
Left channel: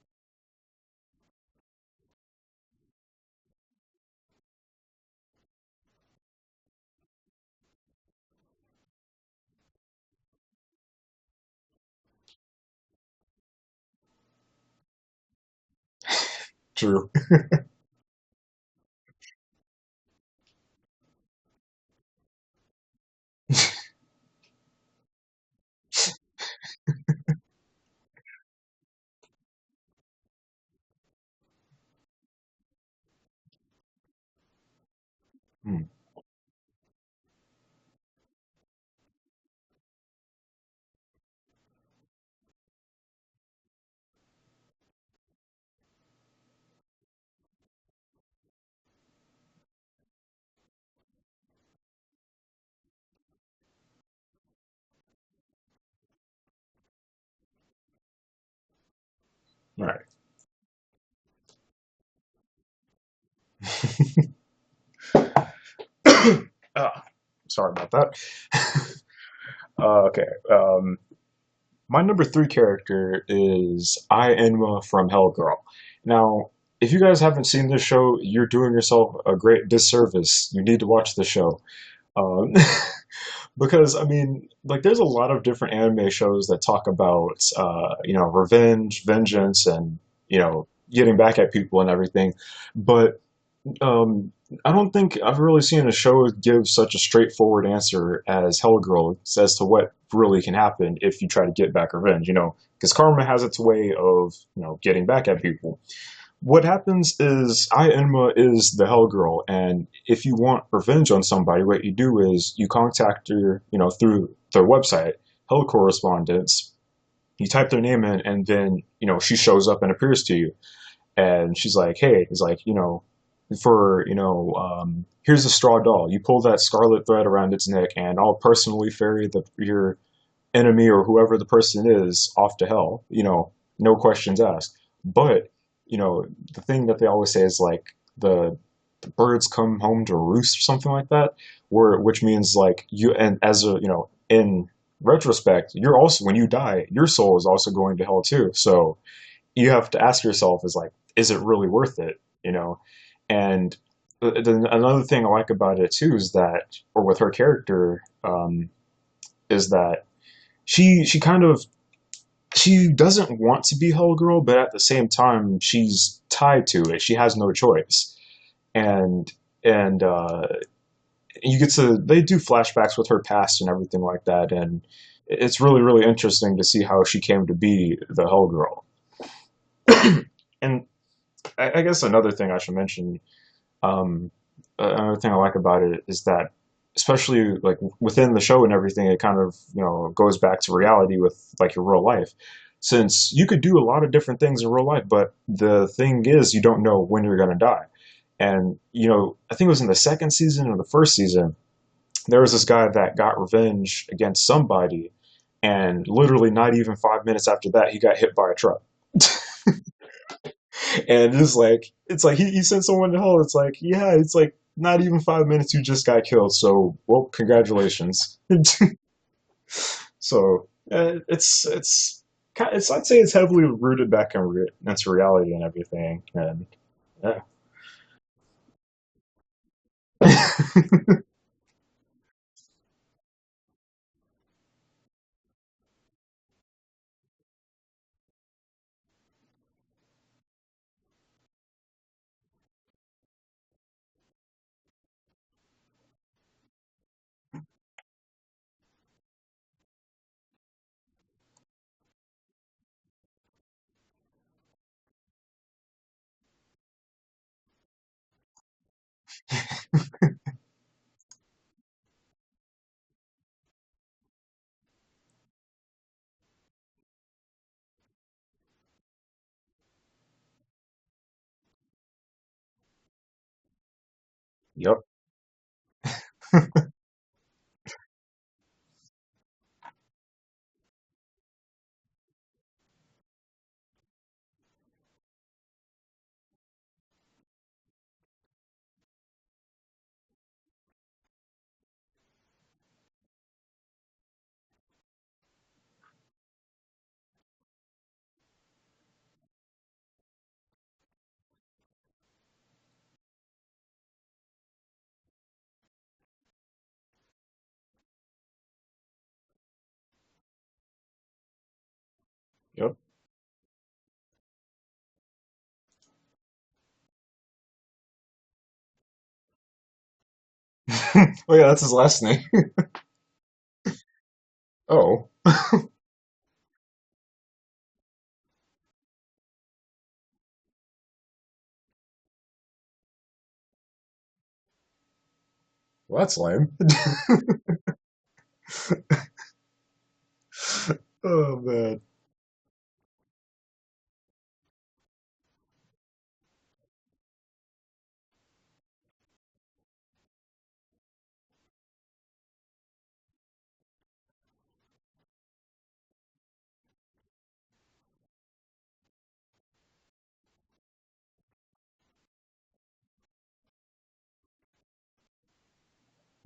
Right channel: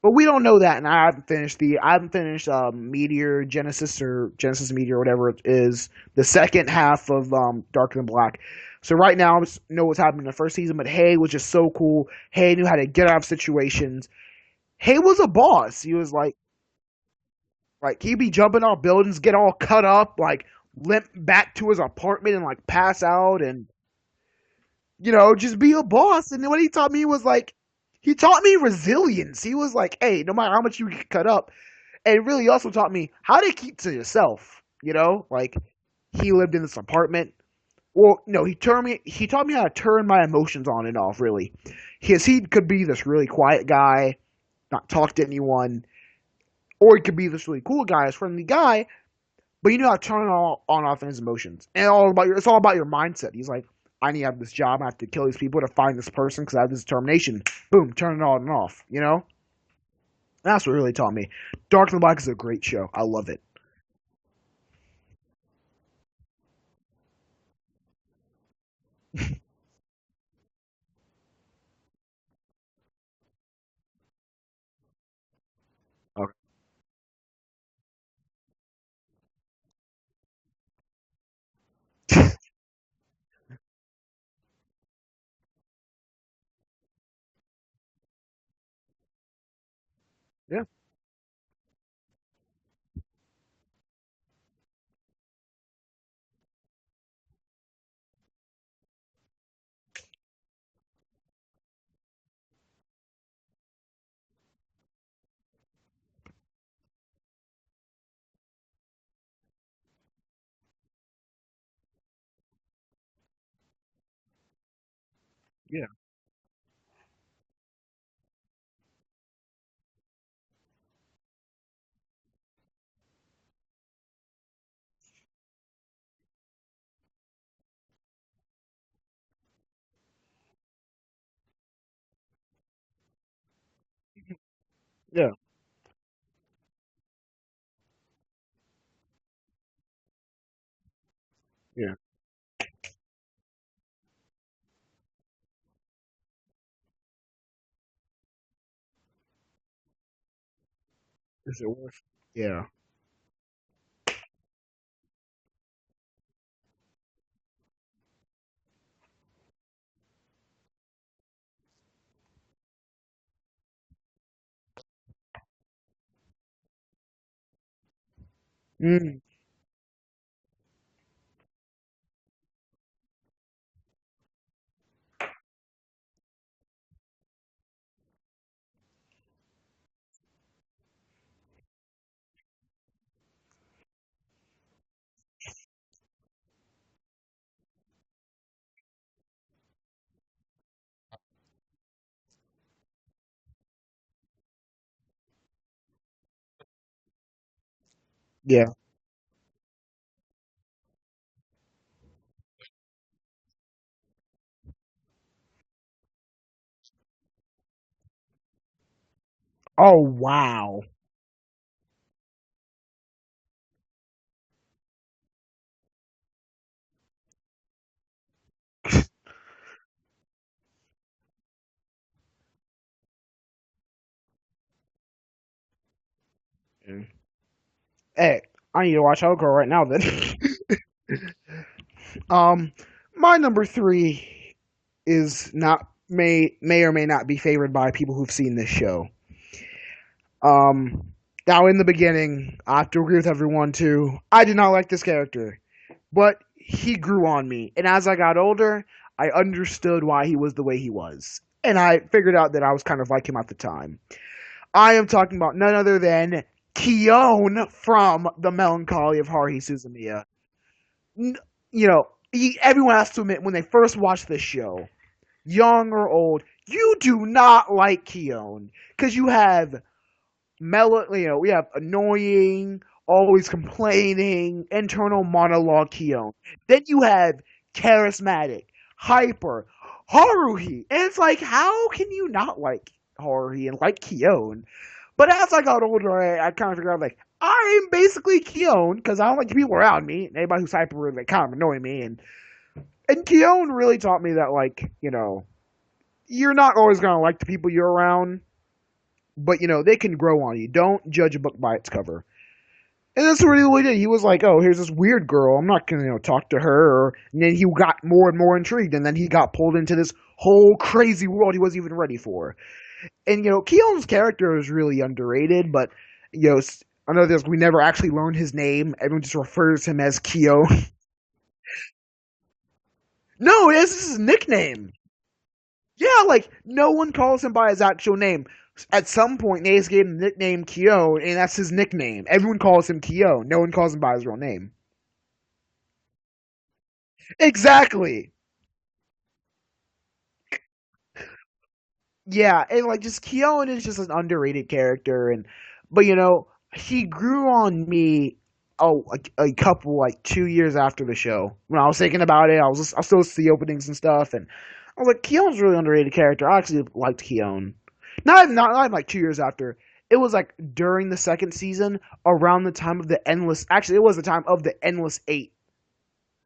But we don't know that, and I haven't finished Meteor Genesis or Genesis Meteor or whatever it is, the second half of Darker Than Black. So right now I just know what's happening in the first season, but Hay was just so cool. Hay knew how to get out of situations. Hay was a boss. He was True. like he'd be jumping off buildings, get all cut up, like limp back to his apartment and like pass out and just be a boss. And what he taught me was like, he taught me resilience. He was like, hey, no matter how much you get cut up, and really also taught me how to keep to yourself. Like Hmm. he lived in this apartment. Well, no, he taught me how to turn my emotions on and off. Really, because he could be this really quiet guy, not talk to anyone, or he could be this really cool guy, this friendly guy. But you know how to turn on off his emotions, and it's all about your mindset. He's like, I need to have this job. I have to kill these people to find this person because I have this determination. Boom, turn it on and off. Right. That's what really taught me. Dark and Black is a great show. I love it. Ah, sorry about that. Okay. My number three character is I Enma from Hellgirl. Now, if you guys haven't seen this show, you're doing yourself a great disservice. You need to watch the show. Um, because I mean, like, there's a lot of different anime shows that talk about, revenge, vengeance, and Yeah, getting back at people and everything. But um, I don't think I've really seen a show give such a straightforward answer as Hellgirl as to what really can happen if you try to get back revenge. Because karma has its way of getting back at people. What happens is I Enma is the Hellgirl, and if you want revenge on somebody, what you do is you contact her, through their website, Hell yeah, Correspondence. You type their name in, and then she shows up and appears to you, and she's like, "Hey," it's like, here's a straw doll. You pull that scarlet thread around its neck, and I'll personally ferry your enemy or whoever the person is off to hell. No questions asked. yeah, But the thing that they always say is like the birds come home to roost or something like that, yeah, which means like you and as a in retrospect, you're also when you die, your soul is also going to hell too. So you have to ask yourself is it really worth it? yeah, And then another thing I like about it too is that, or with her character, is that she kind of she doesn't want to be Hell Girl, but at the same time she's tied to it. She has no choice, mm, and you get to they do flashbacks with her past and everything like that, and it's really really interesting to see how she came to be the Hell Girl. And I guess another thing I should mention, um, another thing I like about it is that, especially like within the show and everything, it kind of goes back to reality with like your real life. Since you could do a lot of different things in real life, but the thing is, you don't know when you're gonna die. yeah. And I think it was in the second season or the first season, there was this guy that got revenge against somebody, and literally not even 5 minutes after that, he got hit by a truck. Oh wow. And it's like he sent someone to hell. It's like, yeah, it's like not even 5 minutes you just got killed. So, well, congratulations. So it's I'd say it's heavily rooted back into reality and everything. And yeah. Hey, I need to watch Hellgirl right now then. um, my number three is not may or may not be favored by people who've seen this show. Um, Now, in the beginning, I have to agree with everyone too. I did not like this character, but he grew on me, and as I got older, I understood why he was the way he was, and I figured out that I was kind of like him at the time. I am talking about none other than Keown from The Melancholy of Haruhi Suzumiya. You know, everyone has to admit when they first watch this show, young or old, you do not like Keown because you have we have annoying, always complaining, Yep. internal monologue Keown. Then you have charismatic, hyper, Haruhi. And it's like, how can you not like Haruhi and like Keown? But as I got older, I kind of figured out, like, I'm basically Keown because I don't like the people around me. And anybody who's hyper, they kind of annoy me. And Keown really taught me that, like, you're not always going to like the people you're around, but they can grow on you. Don't judge a book by its cover. And that's what he really did. He was like, "Oh, here's this weird girl. I'm not gonna, talk to her." And then he got more and more intrigued, and then he got pulled into this whole crazy world he wasn't even ready for. Yep. And Keon's character is really underrated, but I know this. We never actually learned his name. Everyone just refers to him as Keon. Oh yeah, that's his last name. No, this is his nickname. Oh. Yeah, like no one calls him by his actual name. At some point, Nace gave him the nickname Keown, and that's his nickname. Everyone calls him Keown. No one calls him by his real name. Well, that's lame. Exactly. Oh man. Yeah, and like just Keown is just an underrated character, but he grew on me. Oh, a couple, like 2 years after the show, when I was thinking about it, I was still see the openings and stuff, and I was like, Keown's a really underrated character. I actually liked Keown. Not like 2 years after. It was like during the second season, around the time of the Endless. Actually, it was the time of the Endless Eight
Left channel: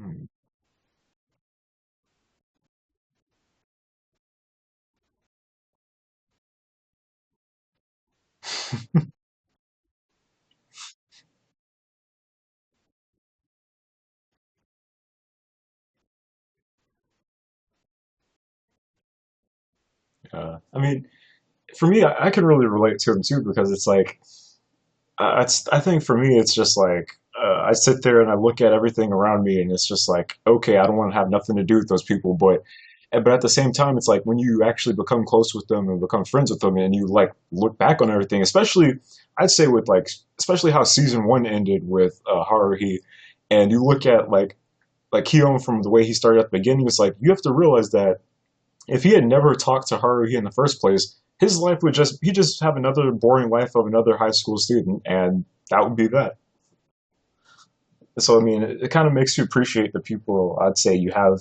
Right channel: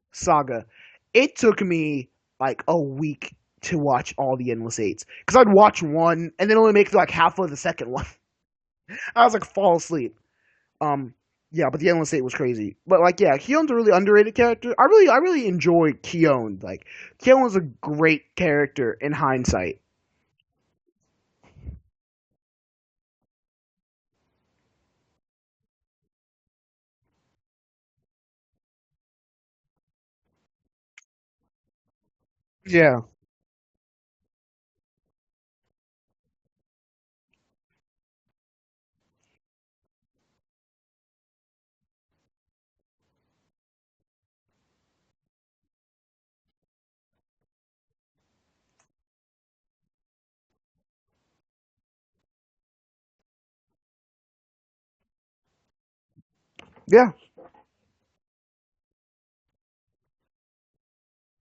Hmm. saga. It took me like a week to watch all the Endless Eights because I'd watch one and then only make it like half of the second one. I was like fall asleep. Um, yeah, but the Endless Eight was crazy. But like, yeah, Keown's a really underrated character. I really enjoy Keown. Like, Keown was a great character in hindsight. I mean, for me, I can really relate to him too because it's like, I think for me, it's just like I sit there and I look at everything around me, and it's just like, okay, I don't want to have nothing to do with those people, Yeah, but at the same time, it's like when you actually become close with them and become friends with them, and you like look back on everything, especially I'd say with like especially how season one ended with Haruhi, and you look at like Keon from the way he started at the beginning, it's like you have to realize that if he had never talked to Haruhi in the first place, his life would just he just have another boring life of another high school student, and that would be that. yeah. So I mean, it kind of makes you appreciate the people I'd say you have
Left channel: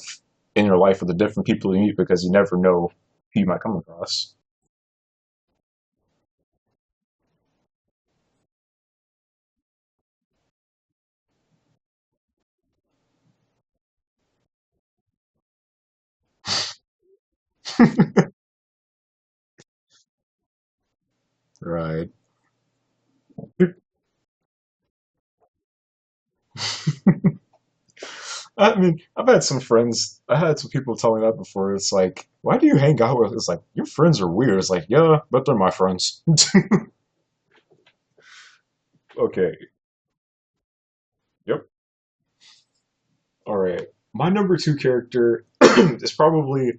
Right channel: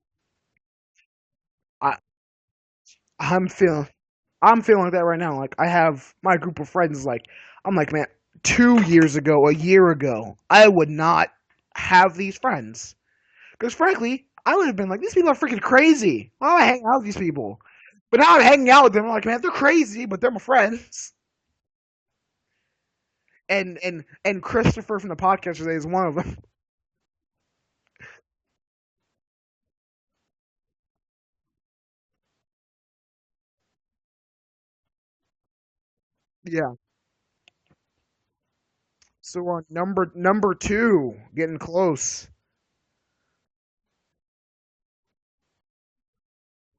in your life or the different people you I, meet because you never know who you I'm might come feeling across. I'm feeling like that right now. Like I have my group of friends. Like I'm like, man, 2 years ago, a year ago, I would not have these friends because frankly, I would have been like, these people are freaking crazy. Why do I hang out with these people? But now I'm hanging out with them. I'm like, man, they're crazy, but they're my friends. Right. And Christopher from the podcast today is one of them. I mean, I've had some friends. I had some people tell me that before. It's like, why do you hang out with? It's like your friends are weird. It's like, yeah, but they're my friends. Yeah. So Okay. number two, getting Yep. close. All right. My number two character is probably,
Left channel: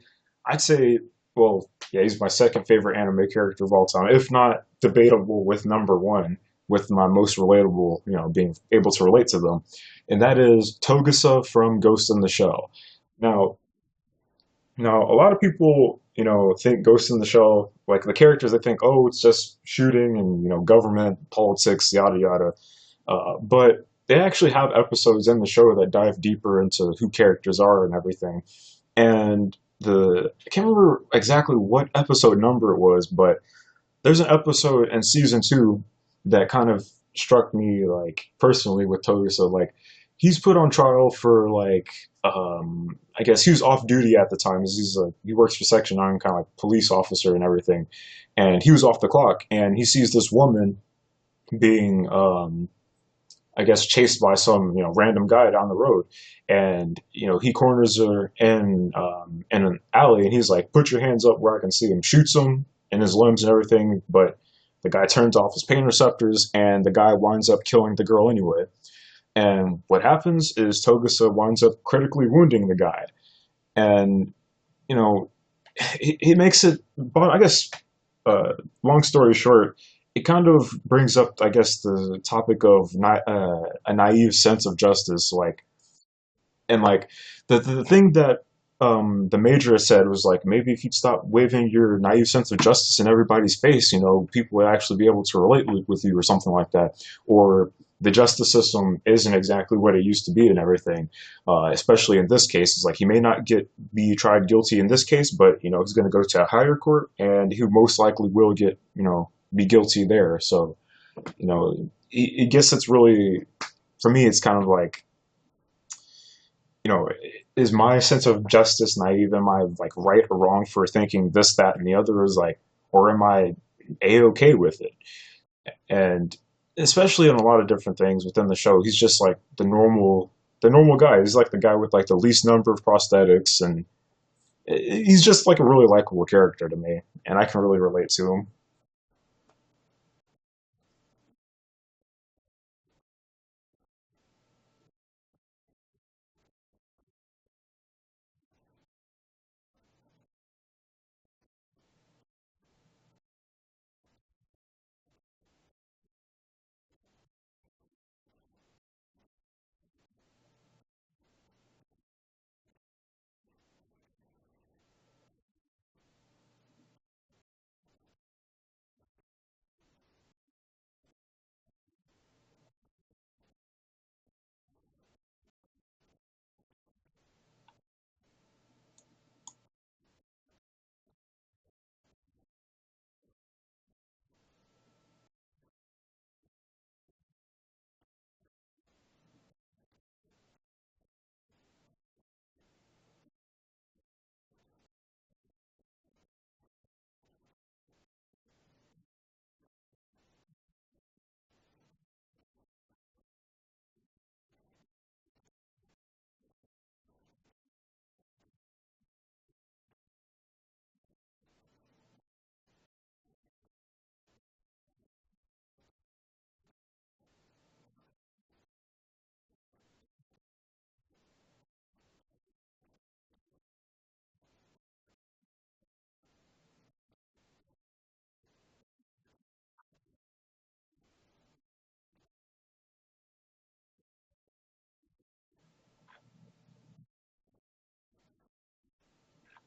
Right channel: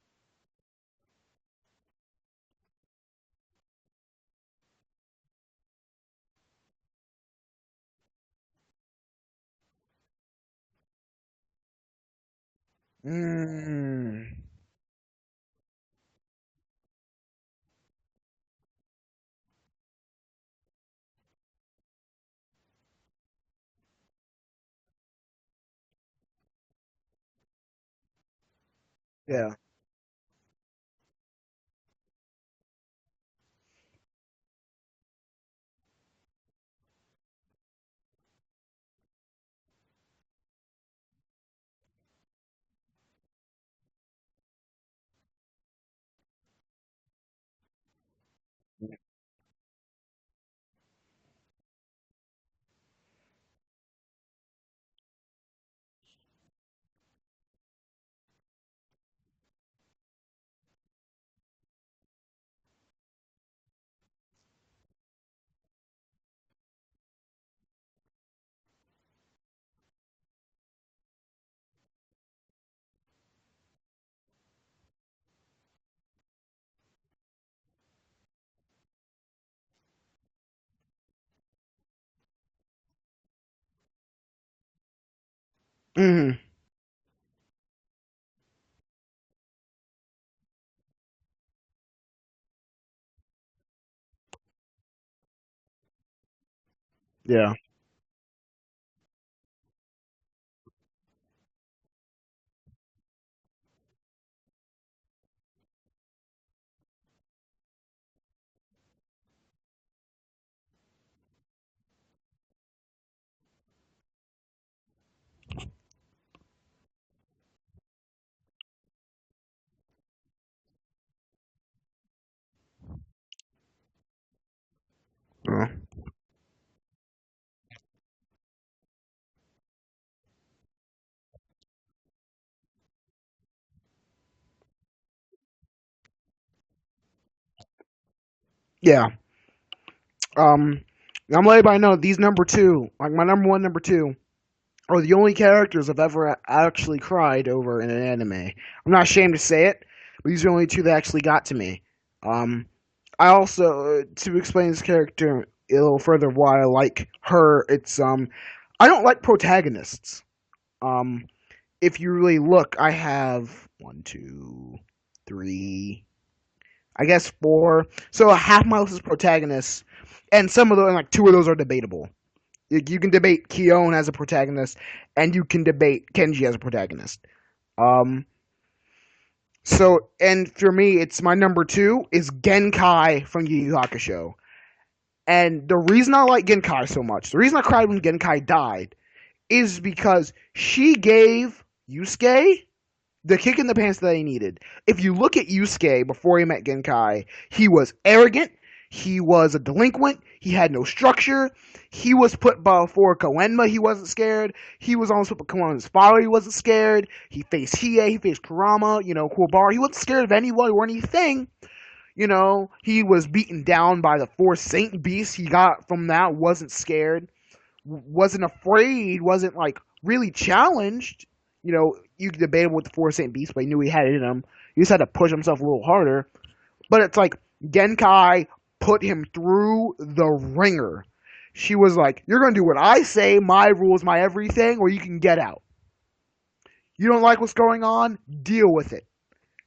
I'd say, well, yeah, he's my second favorite anime character of all time, if not debatable with number one, with my most relatable, being able to relate to them. And that is Togusa from Ghost in the Shell. Now, Mm, now a lot of people, think Ghost in the Shell, like the characters, they think, oh, it's just shooting and, government, politics, yada yada. But they actually have episodes in the show that dive deeper into who characters are and everything. yeah. And I can't remember exactly what episode number it was, but there's an episode in season two that kind of struck me like personally with Togusa. Like he's put on trial for like I guess he was off duty at the time. He works for Section 9, kind of like police officer and everything. And he was off the clock and he sees this woman being I guess chased by some random guy down the road, and he corners her in an alley, and he's like, "Put your hands up where I can see him." Shoots him in his limbs and everything, but the guy turns off his pain receptors, and the guy winds up killing the girl anyway. And what happens is Togusa winds up critically wounding the guy, and you know, he makes it. But I guess, long story short, it kind of brings up, I guess, the topic of a naive sense of justice, like, Hmm. and like the thing that the major said was like, maybe if you'd stop waving your naive sense of justice in everybody's face, people would actually be able to relate with you or something like that. Yeah. Or the justice system isn't exactly what it used to be and everything. Especially in this case, it's like he may not be tried guilty in this case, but he's going to go to a higher court, and he most likely will get be guilty there. So I guess it's really, for me, it's kind of like, you know, is my sense of justice naive? Am I like right or wrong for thinking this, that, and the other? Is like, or am I a-okay with it? Uh, And especially in a lot of different things within the show, he's just like the normal guy. He's like the guy with like the least number of prosthetics, and he's just like a really likable character to me, and I can really relate to him. yeah. Um, I'm letting everybody know these number two, like my number one, number two, are the only characters I've ever actually cried over in an anime. I'm not ashamed to say it, but these are the only two that actually got to me. Um, I also, to explain this character a little further, why I like her, I don't like protagonists. Um, if you really look, I have one, two, three, I guess four. So half my list is protagonists, and some of those, like two of those, are debatable. You can debate Keown as a protagonist, and you can debate Kenji as a protagonist. Um, and for me, it's my number two is Genkai from Yu Yu Hakusho. And the reason I like Genkai so much, the reason I cried when Genkai died, is because she gave Yusuke the kick in the pants that he needed. If you look at Yusuke before he met Genkai, he was arrogant, he was a delinquent, he had no structure, he was put before Koenma, he wasn't scared, he was almost put before Koenma's father, he wasn't scared, he faced Hiei, he faced Kurama, Kuwabara, he wasn't scared of anyone or anything. He was beaten down by the four Saint Beasts he got from that, wasn't scared, wasn't afraid, wasn't like really challenged. You could debate him with the four Saint Beasts, but he knew he had it in him. He just had to push himself a little harder. But it's like Genkai put him through the ringer. She was like, "You're gonna do what I say, my rules, my everything, or you can get out. You don't like what's going on? Deal with it.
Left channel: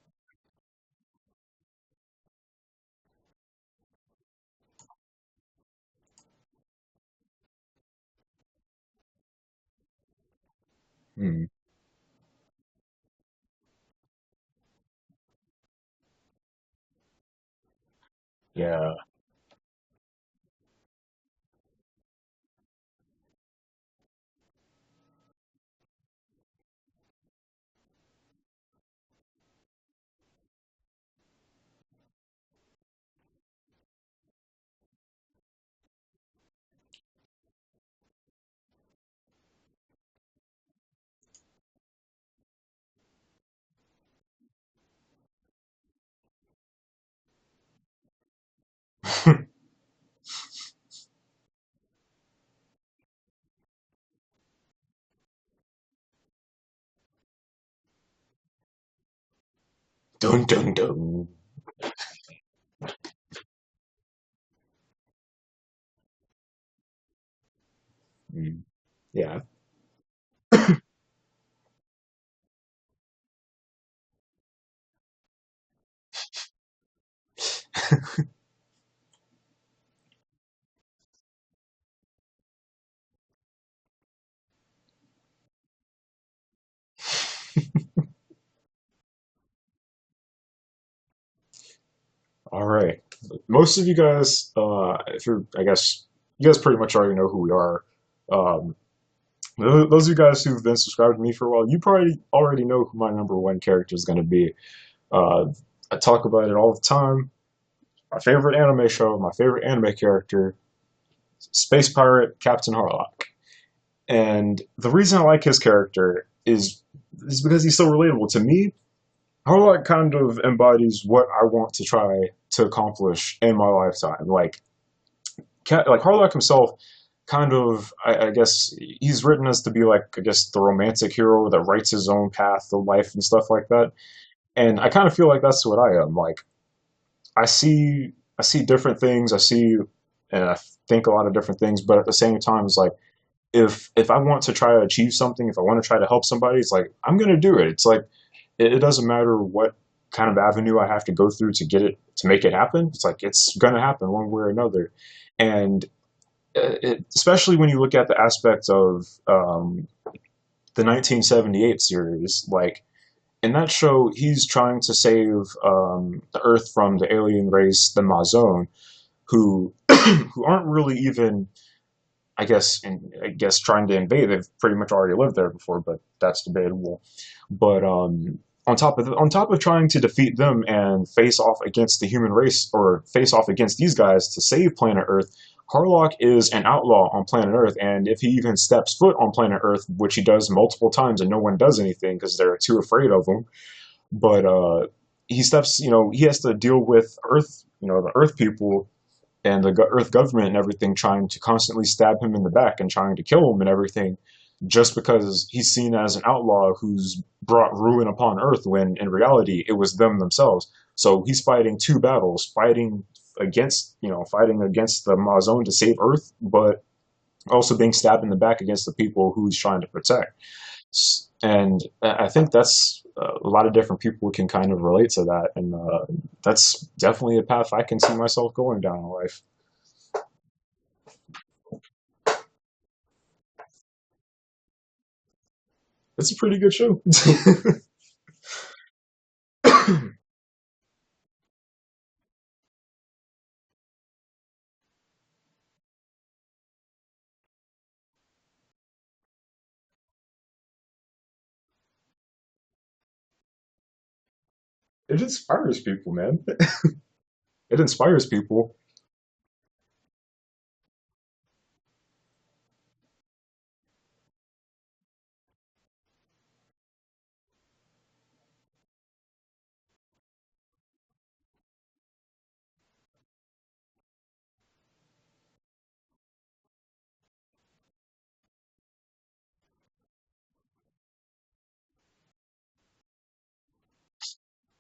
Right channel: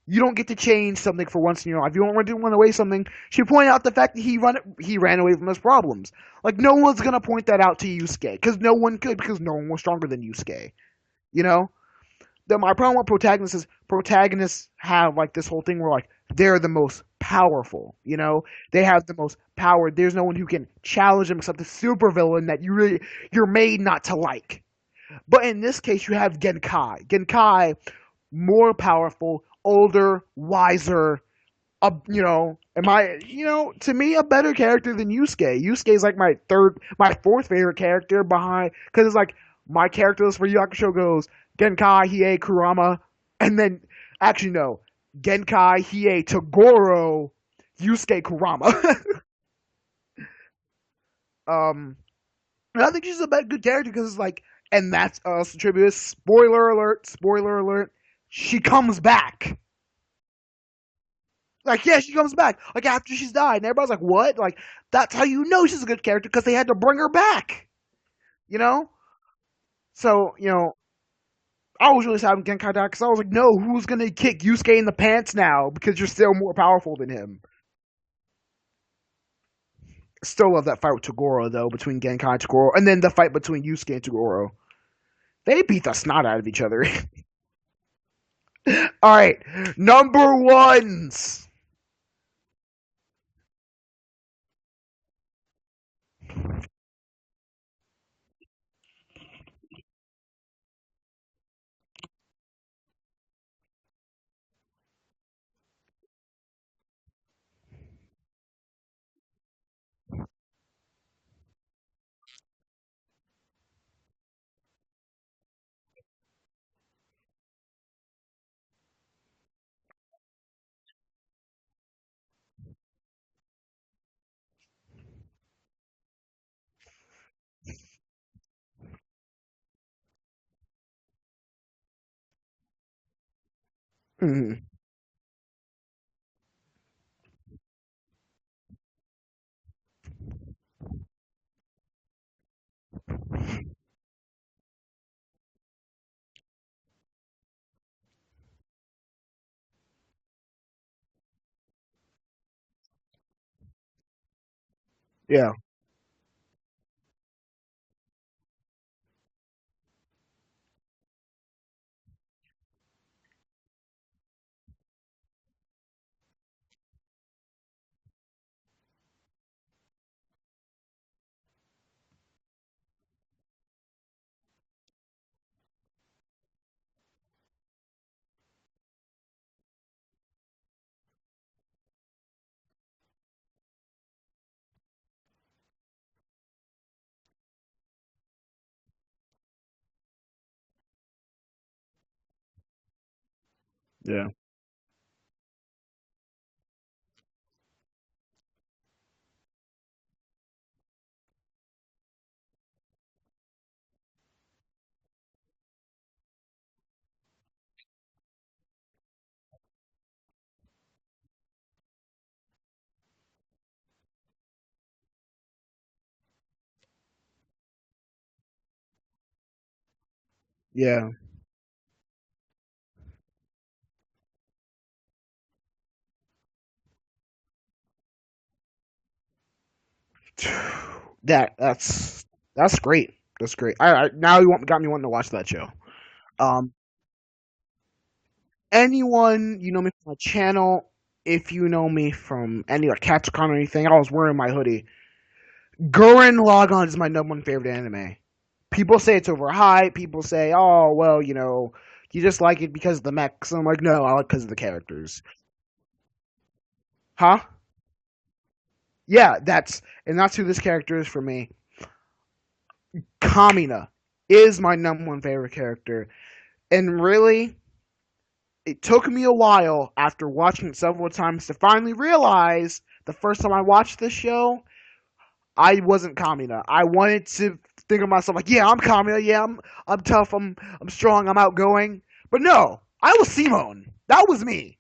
You don't get to change something for once in your life. If you don't want to run away something." She pointed out the fact that he ran away from his problems. Like, no one's gonna point that out to Yusuke, because no one could, because no one was stronger than Yusuke. You Hmm. know. My problem with protagonists is protagonists have like this whole thing where like they're the most powerful. They Yeah. have the most power. There's no one who can challenge them except the supervillain that you're made not to like. But in this case, you have Genkai. Genkai, more powerful, older, wiser. To me, a better character than Yusuke. Yusuke is like my fourth favorite character behind, because it's like my character list for Yu Yu Hakusho goes Genkai, Hiei, Kurama, and then actually no, Genkai, Hiei, Toguro, Yusuke, Kurama. um, and I think she's a good character because it's like, and that's tribute. Spoiler alert! Spoiler alert! She comes back. Dun dun dun. Like, yeah, she comes back. Like, after she's died. And everybody's like, what? Like, that's how you know she's a good character, because they had to bring her back. You Hmm. know? Yeah. So, I was really sad when Genkai died, because I was like, no, who's going to kick Yusuke in the pants now? Because you're still more powerful than him. Still love that fight with Toguro, though, between Genkai and Toguro. And then the fight between Yusuke and Toguro. They beat the snot out of each other. All right. Number ones. All right. Most of you guys, if you're, I guess, you guys pretty much already know who we are. Um, those of you guys who've been subscribed to me for a while, you probably already know who my number one character is going to be. Uh, I talk about it all the time. My favorite anime show, my favorite anime character, Space Pirate Captain Harlock. And the reason I like his character is because he's so relatable to me. Harlock kind of embodies what I want to try to accomplish in my lifetime. Like, like Harlock himself, kind of, I guess he's written as to be like, I guess, the romantic hero that writes his own path of life and stuff like that. Mhm. And I kind of feel like that's what I am. Like I see different things. I see and I think a lot of different things, but at the same time, it's like if I want to try to achieve something, if I want to try to help somebody, it's like I'm gonna do it. It's like it doesn't matter what kind of avenue I have to go through to get it to make it happen. It's like it's gonna happen one way or another. Yeah. And especially when you look at the aspect of the 1978 series, like in that show, he's trying to save the Earth from the alien race, the Mazon, who who aren't really even, I guess trying to invade. They've pretty much already lived there before, but that's debatable. But on top of trying to defeat them and face off against the human race or face off against these guys to save planet Earth, Harlock is an outlaw on planet Earth, and if he even steps foot on planet Earth, which he does multiple times, and no one does anything because they're too afraid of him, Yeah. but he steps, he has to deal with Earth, the Earth people and the Earth government and everything trying to constantly stab him in the back and trying to kill him and everything, just because he's seen as an outlaw who's brought ruin upon Earth when in reality it was them themselves. So he's fighting two battles, fighting against the Mazone to save Earth, but also being stabbed in the back against the people who he's trying to protect. Yeah. And I think that's a lot of different people can kind of relate to that, and that's definitely a path I can see myself going down in life. That's great. That's great. Now got me wanting to watch that show. It's a pretty Um, good show. anyone you know me from my channel, if you know me from any like CatCon or anything, I was wearing my hoodie. Gurren Lagann is my number one favorite anime. People say it's overhyped. People say, oh well, you just like it because of the mechs. I'm like, no, I like it because of the It characters. inspires people, man. Huh? It inspires people. Yeah, that's who this character is for me. Kamina is my number one favorite character. And really, it took me a while after watching it several times to finally realize the first time I watched this show, I wasn't Kamina. I wanted to think of myself like, yeah, I'm Kamina. Yeah, I'm tough. I'm strong. I'm outgoing. But no, I was Cmon. That was me.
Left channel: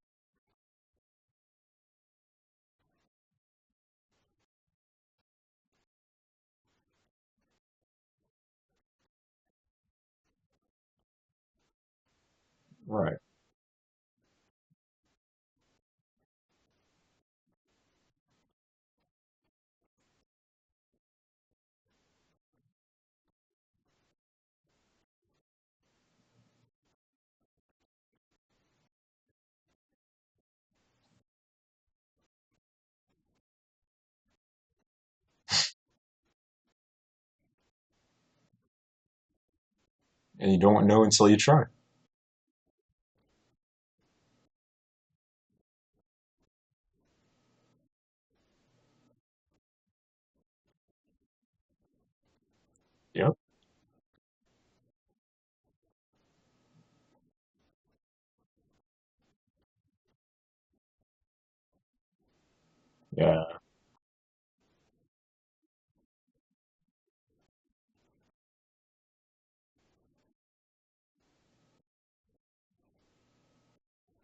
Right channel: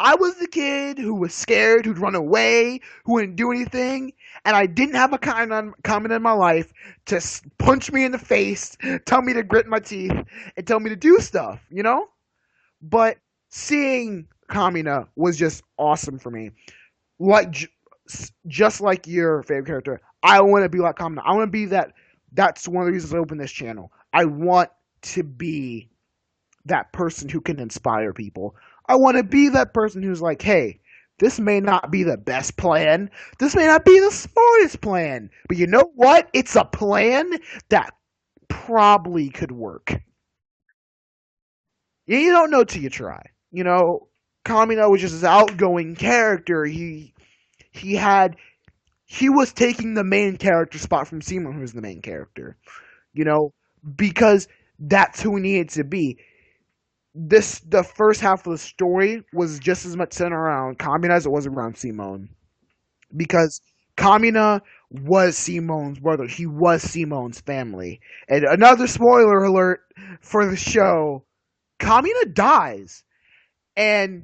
I was the kid who was scared, who'd run away, who wouldn't do anything, and I didn't have a comment in my life to punch me in the face, tell me to grit my teeth, and tell me to do stuff. Right. But seeing Kamina was just awesome for me. Like just like your favorite character, I want to be like Kamina. I want to be that. That's one of the reasons I opened this channel. I want to be that person who can inspire people. I want to be that person who's like, hey, this may not be the best plan. This may not be the smartest plan. But you know what? It's a plan that probably could work. And you don't know until you try. Yeah, you don't know till you try. Kamina was just this outgoing character. He had he was taking the main character spot from Cmon, who was the main character. You Yeah. know, because that's who he needed to be. The first half of the story was just as much centered around Kamina as it was around Cmon. Yeah. Because Kamina was Cmon's brother. He was Cmon's family. And another spoiler alert for the show, Kamina dies. And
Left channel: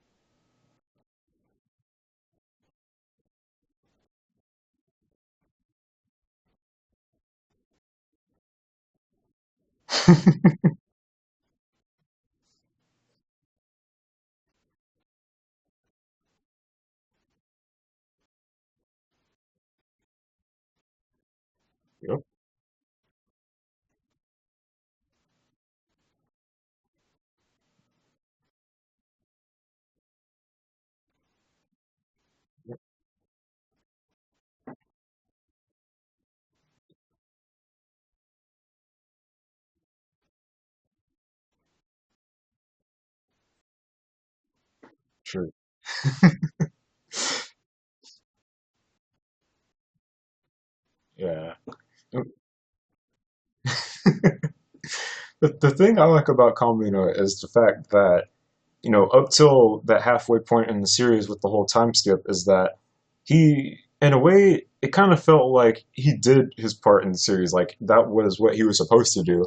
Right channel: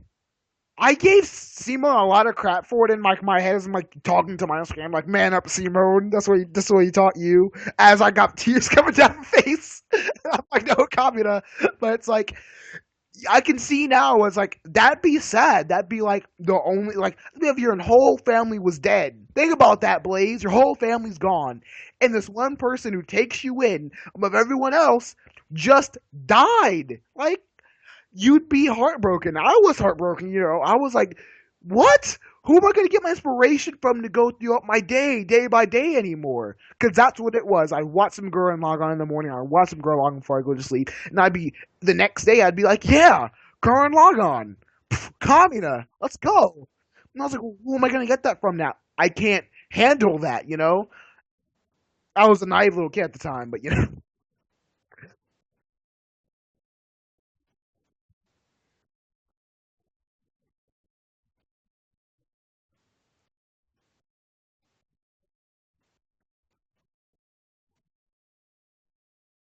I gave Cmon a lot of crap for it in my head as I'm like talking to my own screen. I'm like, man up, Cmon. That's what he taught you. As I got tears coming down my face. I'm like, no, Kamina. But it's like, I can see now it's like that'd be sad. That'd be like the only like if your whole family was dead. Think about that, Blaze. Your whole family's gone, and Yep. this one person who takes you in above everyone else just died. Like you'd be heartbroken. I was heartbroken. I was like, what? Who am I going to get my inspiration from to go throughout my day by day anymore? Because that's what it was. I watch some girl and log on in the morning. I watch some girl log on before I go to sleep. And the next day, I'd be like, yeah, girl and log on. Yep. Kamina, let's go. And I was like, well, who am I going to get that from now? I can't handle that. Yeah. I was a naive little kid at the time, but The thing I like about Kamino is the fact that, up till that halfway point in the series with the whole time skip is that he in a way, it kind of felt like he did his part in the series. Like that was what he was supposed to do,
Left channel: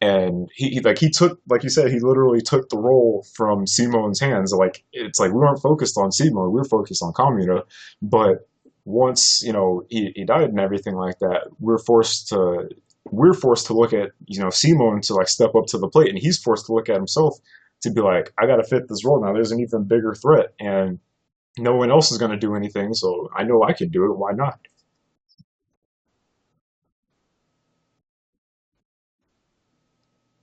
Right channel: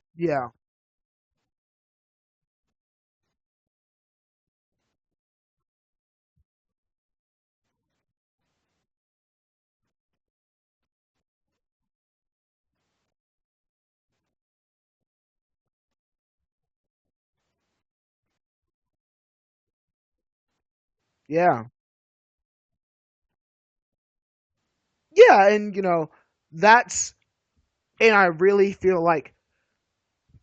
Yeah, and he took, like you said, he literally took the role from Simon's hands. Like it's like we weren't focused on Simon, we were focused on Kamina, but once he died and everything like that, we're forced to look at Simon to like step up to the plate, and he's forced to look at himself to be like, I got to fit this role now. There's an even bigger threat, and yeah, no one else is going to do anything, so I know I can do it. Why not? yeah, and that's and I really feel like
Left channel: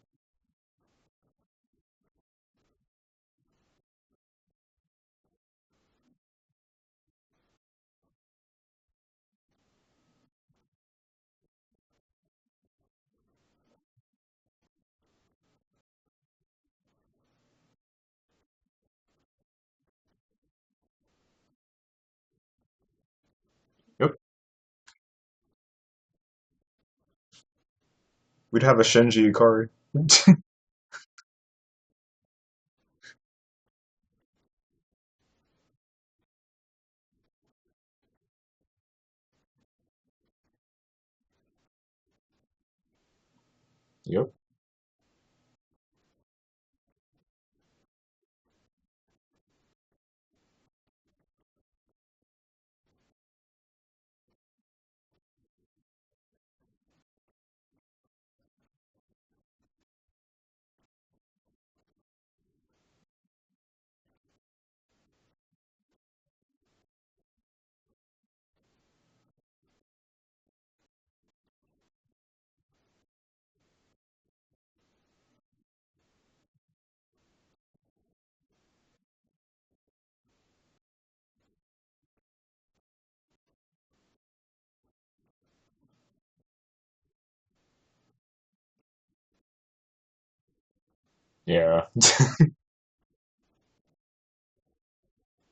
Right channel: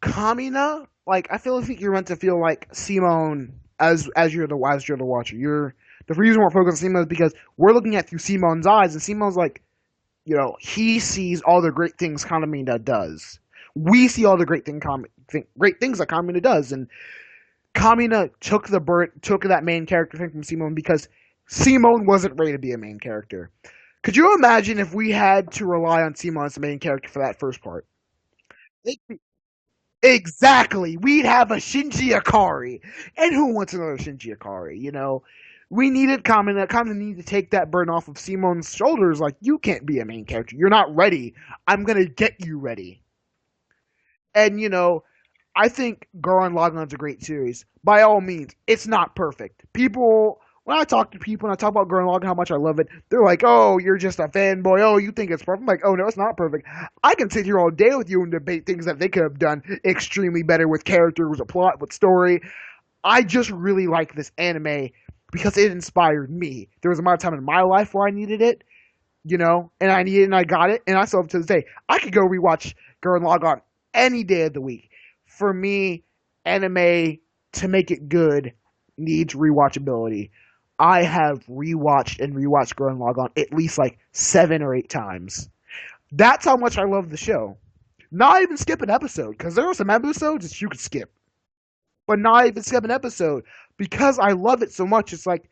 Kamina, like I feel like you're meant to feel like Simone as you're the watcher. The reason we're focused on Simone is because we're looking at through Simone's eyes, and Simone's like, he sees all the great things Kamina does. We see all the great things that Kamina does, and Kamina took that main character thing from Simone because Simone wasn't ready to be a main character. Yep. Could you imagine if we had to rely on Simone as the main character for that first part? We'd have a Shinji Ikari. Exactly. We'd have a Shinji Ikari. And who wants another Shinji Ikari? We needed Kamina. Kamina needed to take that burden off of Simone's shoulders. Like, you can't be a main character. You're not ready. I'm going to get you ready. Yep. And, I think Gurren Lagann's a great series. By all means, it's not perfect. When I talk to people and I talk about Gurren Lagann, how much I love it, they're like, oh, you're just a fanboy. Oh, you think it's perfect. I'm like, oh, no, it's not perfect. I can sit here all day with you and debate things that they could have done extremely better with characters, with a plot, with story. I just really like this anime because it inspired me. There was a amount of time in my life where I needed it, and I needed it and I got it, and I still have it to this day. I could go rewatch Gurren Lagann any day of the week. For me, anime, to make it good, needs rewatchability. I have rewatched Gurren Lagann at least like 7 or 8 times. That's how much I love the show. Not even skip an episode, because there are some episodes that you could skip, Yeah. but not even skip an episode because I love it so much. It's like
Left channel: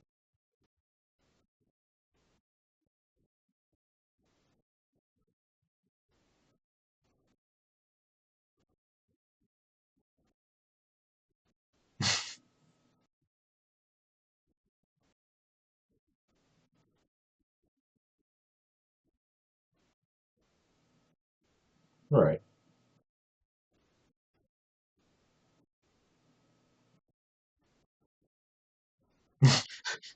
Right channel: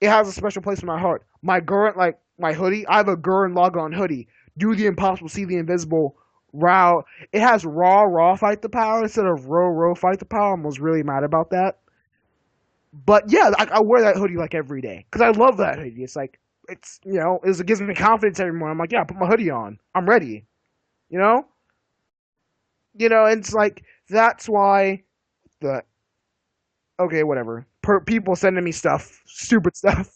it has a special place in my heart. My hoodie, I have a Gurren Lagann hoodie. Do the impossible, see the invisible. Raw. It has raw fight the power instead of row fight the power. I was really mad about that. But yeah, I wear that hoodie like every day because I love that hoodie. It's like it gives me confidence every morning. I'm like, yeah, put my hoodie on. I'm ready. You know, Right. and it's like that's why the okay, whatever. People sending me stuff, stupid stuff.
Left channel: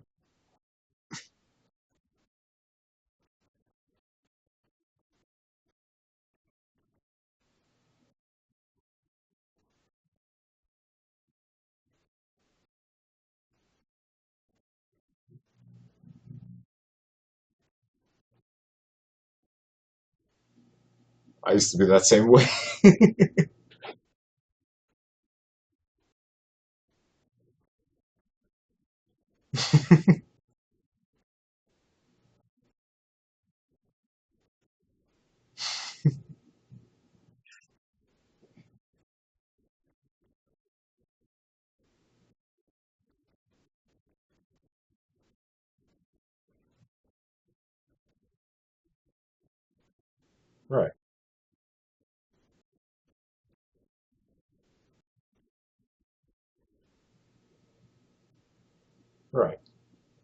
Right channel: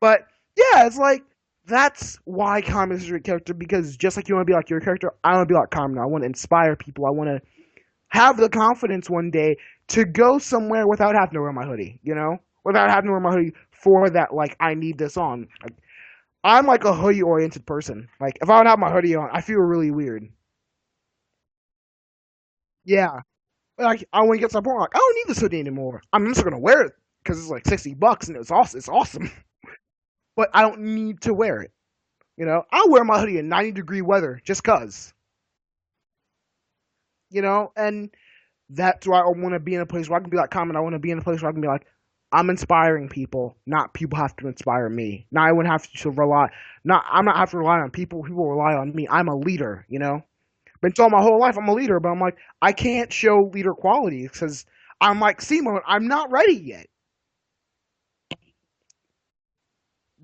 But yeah, it's like that's why Kamina is a great character because just like you want to be like your character, I want to be like Kamina. I want to inspire people. I want to have the confidence one day to go somewhere without having to wear my hoodie, without having to wear my hoodie for that, like, I need this on. Like, I'm like a hoodie oriented person. Like, if I don't have my hoodie on, I feel really weird. I used to be that same way. Yeah. Like, I want to get to the point, like, I don't need this hoodie anymore. I'm just going to wear it because it's like $60 and it's awesome. It's awesome. But I don't need to wear it. I'll wear my hoodie in 90-degree weather just because. And that's why I want to be in a place where I can be like Kamina. I want to be in a place where I can be like, I'm inspiring people, not people have to inspire me. Now I wouldn't have to rely, I'm not have to rely on people. People rely on me. I'm a leader, Right. Been told my whole life I'm a leader, but I'm like, I can't show leader qualities because I'm like Cmon. I'm not ready yet. Right.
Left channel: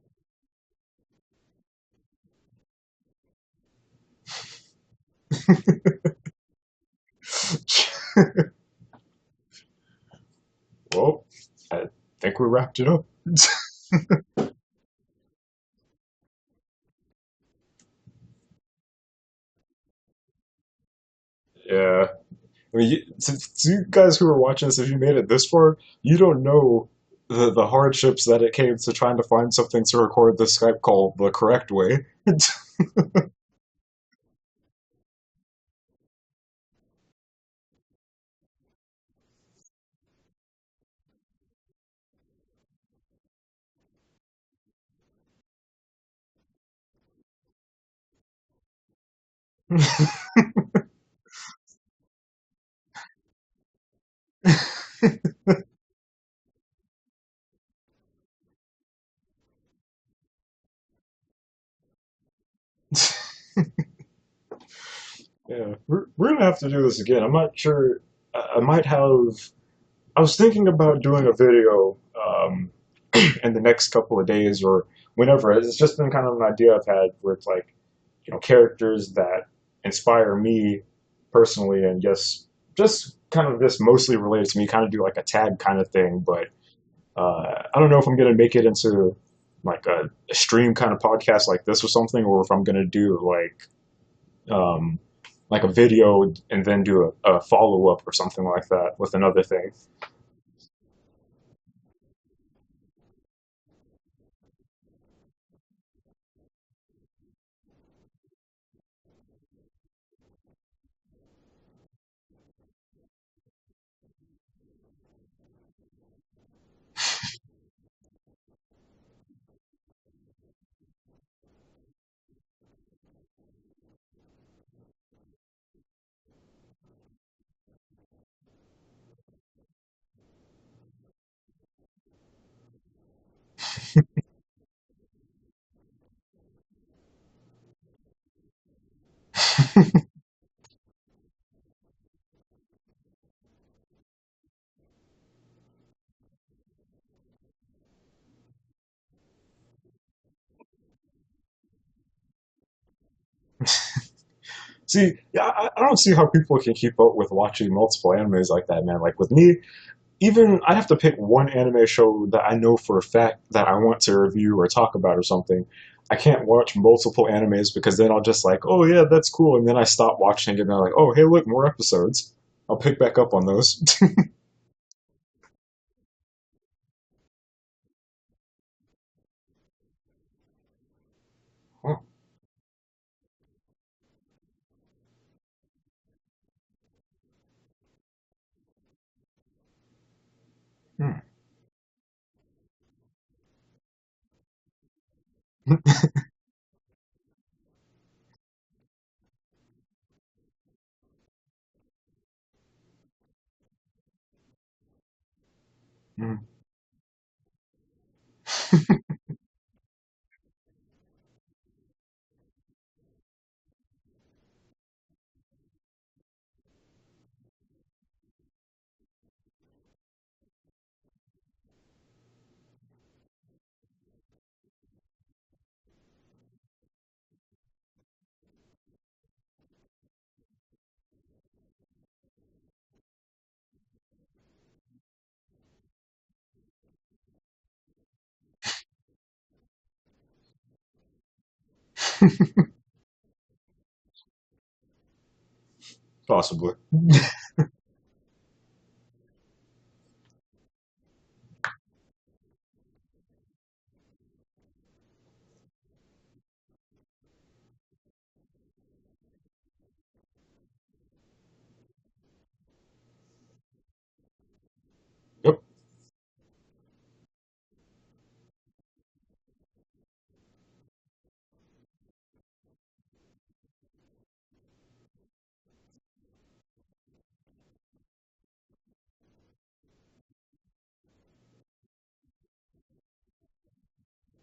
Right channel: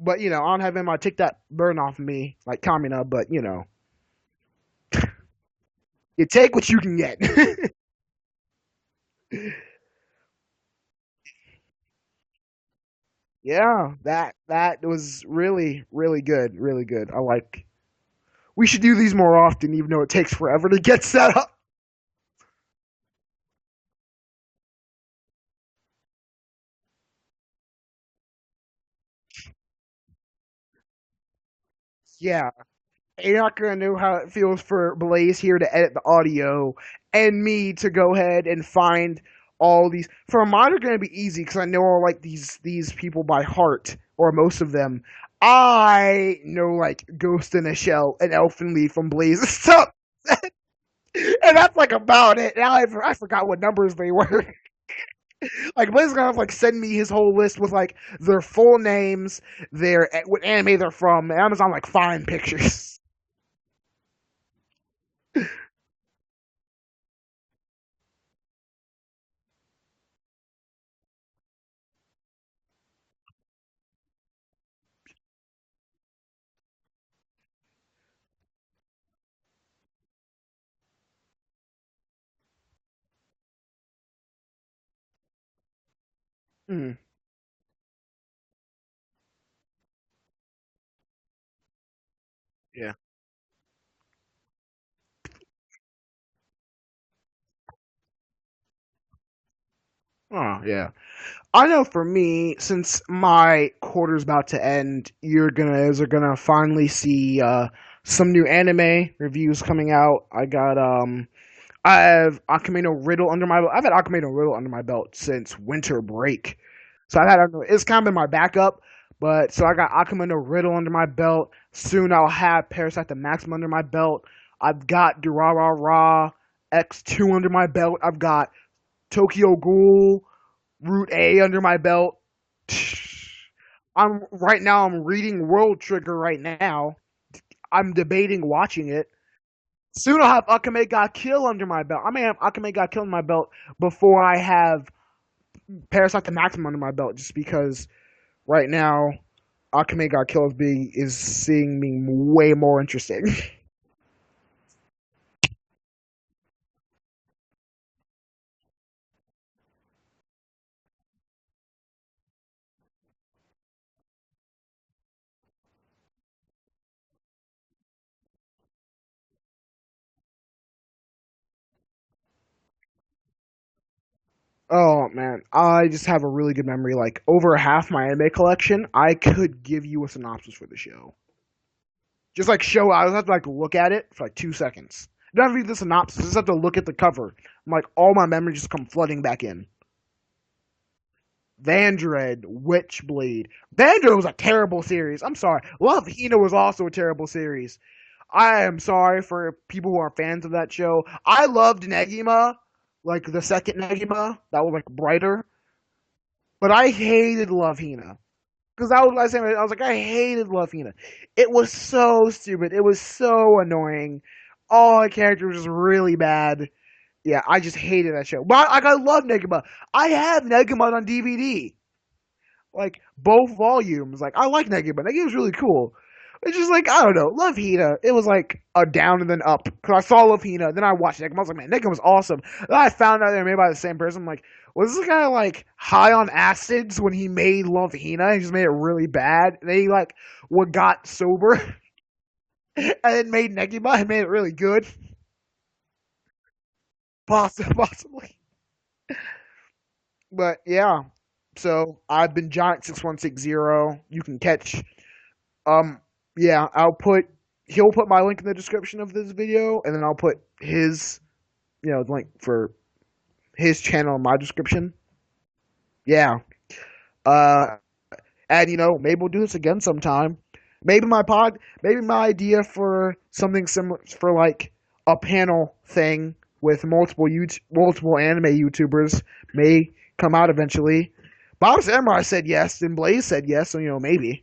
But I don't have him. I take that burden off of me, like Kamina. But you take what you can get. Well, I think we wrapped it up. Yeah, that was really really good, really good. We should do these more often, even though it takes forever to get set up. Yeah. I mean, to you guys who are watching this, if you made it this far, you don't know the hardships that it came to trying to find something to record the Skype call the correct way. Yeah, you're not gonna know how it feels for Blaze here to edit the audio, and me to go ahead and find all these. For mine are gonna be easy because I know all like these people by heart, or most of them. I know like Ghost in a Shell and Elfin Lead from Blaze and stuff. And that's like about it. Now I forgot what numbers they were. Like Blaze is gonna have like send me his whole list with like their full names, what anime they're from, and Amazon like find pictures. Yeah, we're gonna have to do this again. I'm not sure. I might have. I was thinking about doing a video in the next couple of days, or whenever. It's just been kind of an idea I've had where it's like, characters that inspire me personally, and just kind of this mostly related to me, kind of do like a tag kind of thing. But Mm. I don't know if I'm gonna make it into like a stream kind of podcast like this or something, or if I'm gonna Yeah. do um, like a video and then do a follow up or something like that with another thing. Oh, yeah. I know for me, since my quarter's about to end, you're gonna finally see some new anime reviews coming out. I have Akame no Riddle under my belt. I've had Akame no Riddle under my belt since winter break. So it's kind of been my backup, but so I got Akame no Riddle under my belt. Soon I'll have Parasite the Maximum under my belt. I've got Durarara X2 under my belt. I've got Tokyo Ghoul Route A under my belt. I'm reading World Trigger right now. I'm debating watching it. Soon I'll have Akame ga Kill under my belt. I may have Akame ga Kill under my belt before I have Parasite the Maximum under my belt, just because right now Akame ga Kill is seeing me way more interesting. See, yeah, I don't see how people can keep up with watching multiple animes like that, man. Like with me, even I have to pick one anime show that I know for a fact that I want to review or talk about or something. I can't watch multiple animes because then I'll just like, oh yeah, that's cool, and then I stop watching it and I'm like, oh hey, look, more episodes. I'll pick back up on those. Oh man, I just have a really good memory. Like over half my anime collection, I could give you a synopsis for the show. Huh. Just like show, I just have to like look at it for like 2 seconds. I don't have to read the synopsis. I just have to look at the cover. I'm like, all my memories just come flooding back in. Hmm. Vandred, Witchblade. Vandred was a terrible series. I'm sorry. Love Hina was also a terrible series. I am sorry for people who are fans of that show. I loved Negima, like the second Negima, that was like brighter. Hmm. But I hated Love Hina. Because that was what I was saying. I was like, I hated Love Hina. It was so stupid. It was so annoying. All the characters were just really bad. Yeah, I just hated that show. But I love Negima. I have Negima on DVD. Like, both volumes. Like, I like Negima. Negima's really cool. It's just like, I don't know. Love Hina. It was like a down and then up. Because I saw Love Hina. Then I watched Negima. I was like, man, Negima was awesome. Then I found out they were made by the same person. I'm like, was this guy like high on acids when he made Love Hina? He just made it really bad. And then he like what got sober and then made Negima and made it really good. Possibly. Possibly. But yeah. So I've been Giant6160. You can catch um yeah, he'll put my link in the description of this video, and then I'll put his link for his channel in my description. Yep. Yeah. Uh and maybe we'll do this again sometime. Maybe my idea for something similar for like a panel thing with multiple anime YouTubers may come out eventually. Bob Samurai said yes, and Blaze said yes, so maybe.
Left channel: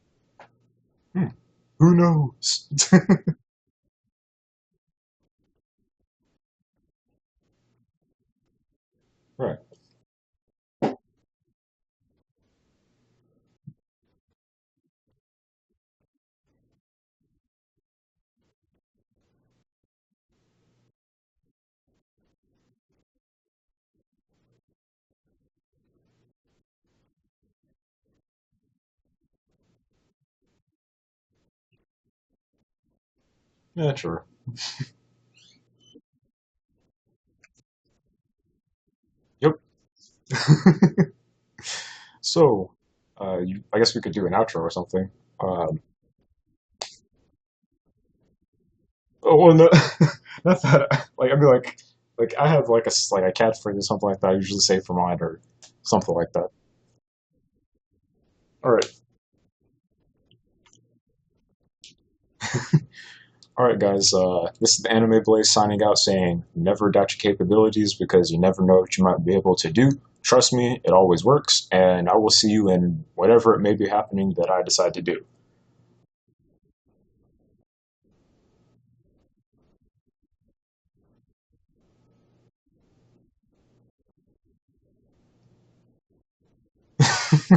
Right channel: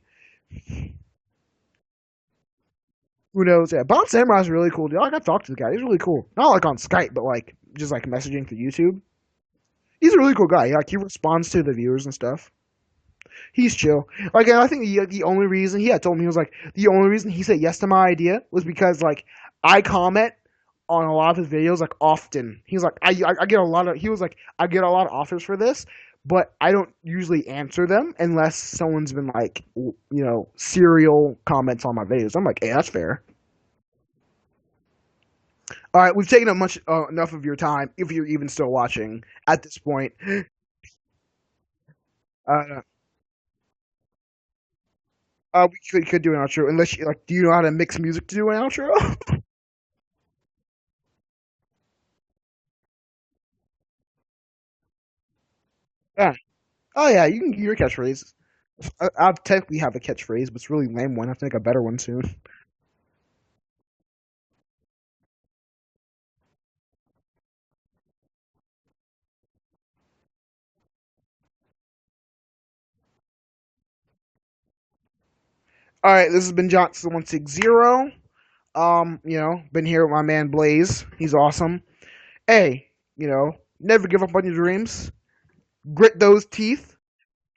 Hmm. Who knows? Who knows? Yeah, Bob Samurai's really cool. Dude. I got to talk to the guy. He's really cool. Not like on Skype, but like just like messaging through YouTube. Right. He's a really cool guy. Like he responds to the viewers and stuff. He's chill. Like, and I think the only reason he had told me, he was like, the only reason he said yes to my idea was because like I comment on a lot of his videos like often. He's like, I get a lot of. He was like, I get a lot of offers for this, but I don't usually answer them unless someone's been like, serial comments on my videos. I'm like, hey, that's fair. Yeah, sure. All right, we've taken up enough of your time, if you're even still watching at this point. So, I guess we could do an outro or something. We could do an outro, unless do you know how to mix music to do an outro? Oh well, no, not that. Like I mean, like I have like a catchphrase or something like that. I usually say for mine or something like that. Oh yeah, you can do your catchphrase. All right. I technically have a catchphrase, but it's a really lame one. I have to make a better one soon. All right, guys. This is the Anime Blaze signing out, saying never doubt your capabilities because you never know what you might be able to do. Trust me, it always works, and I will see you in whatever it may be happening that I decide to do. All right, this has been Giant6160. Been here with my man Blaze. He's awesome. Hey, never give up on your dreams. Grit those teeth,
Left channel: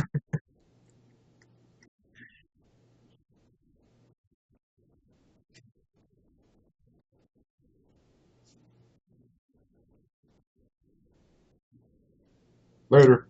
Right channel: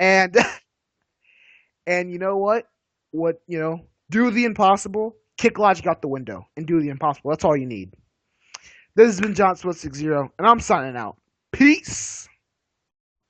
and you know what? what do the impossible, kick logic out the window, and do the impossible. That's all you need. This has been Giant6160, and I'm signing out. Peace. Later.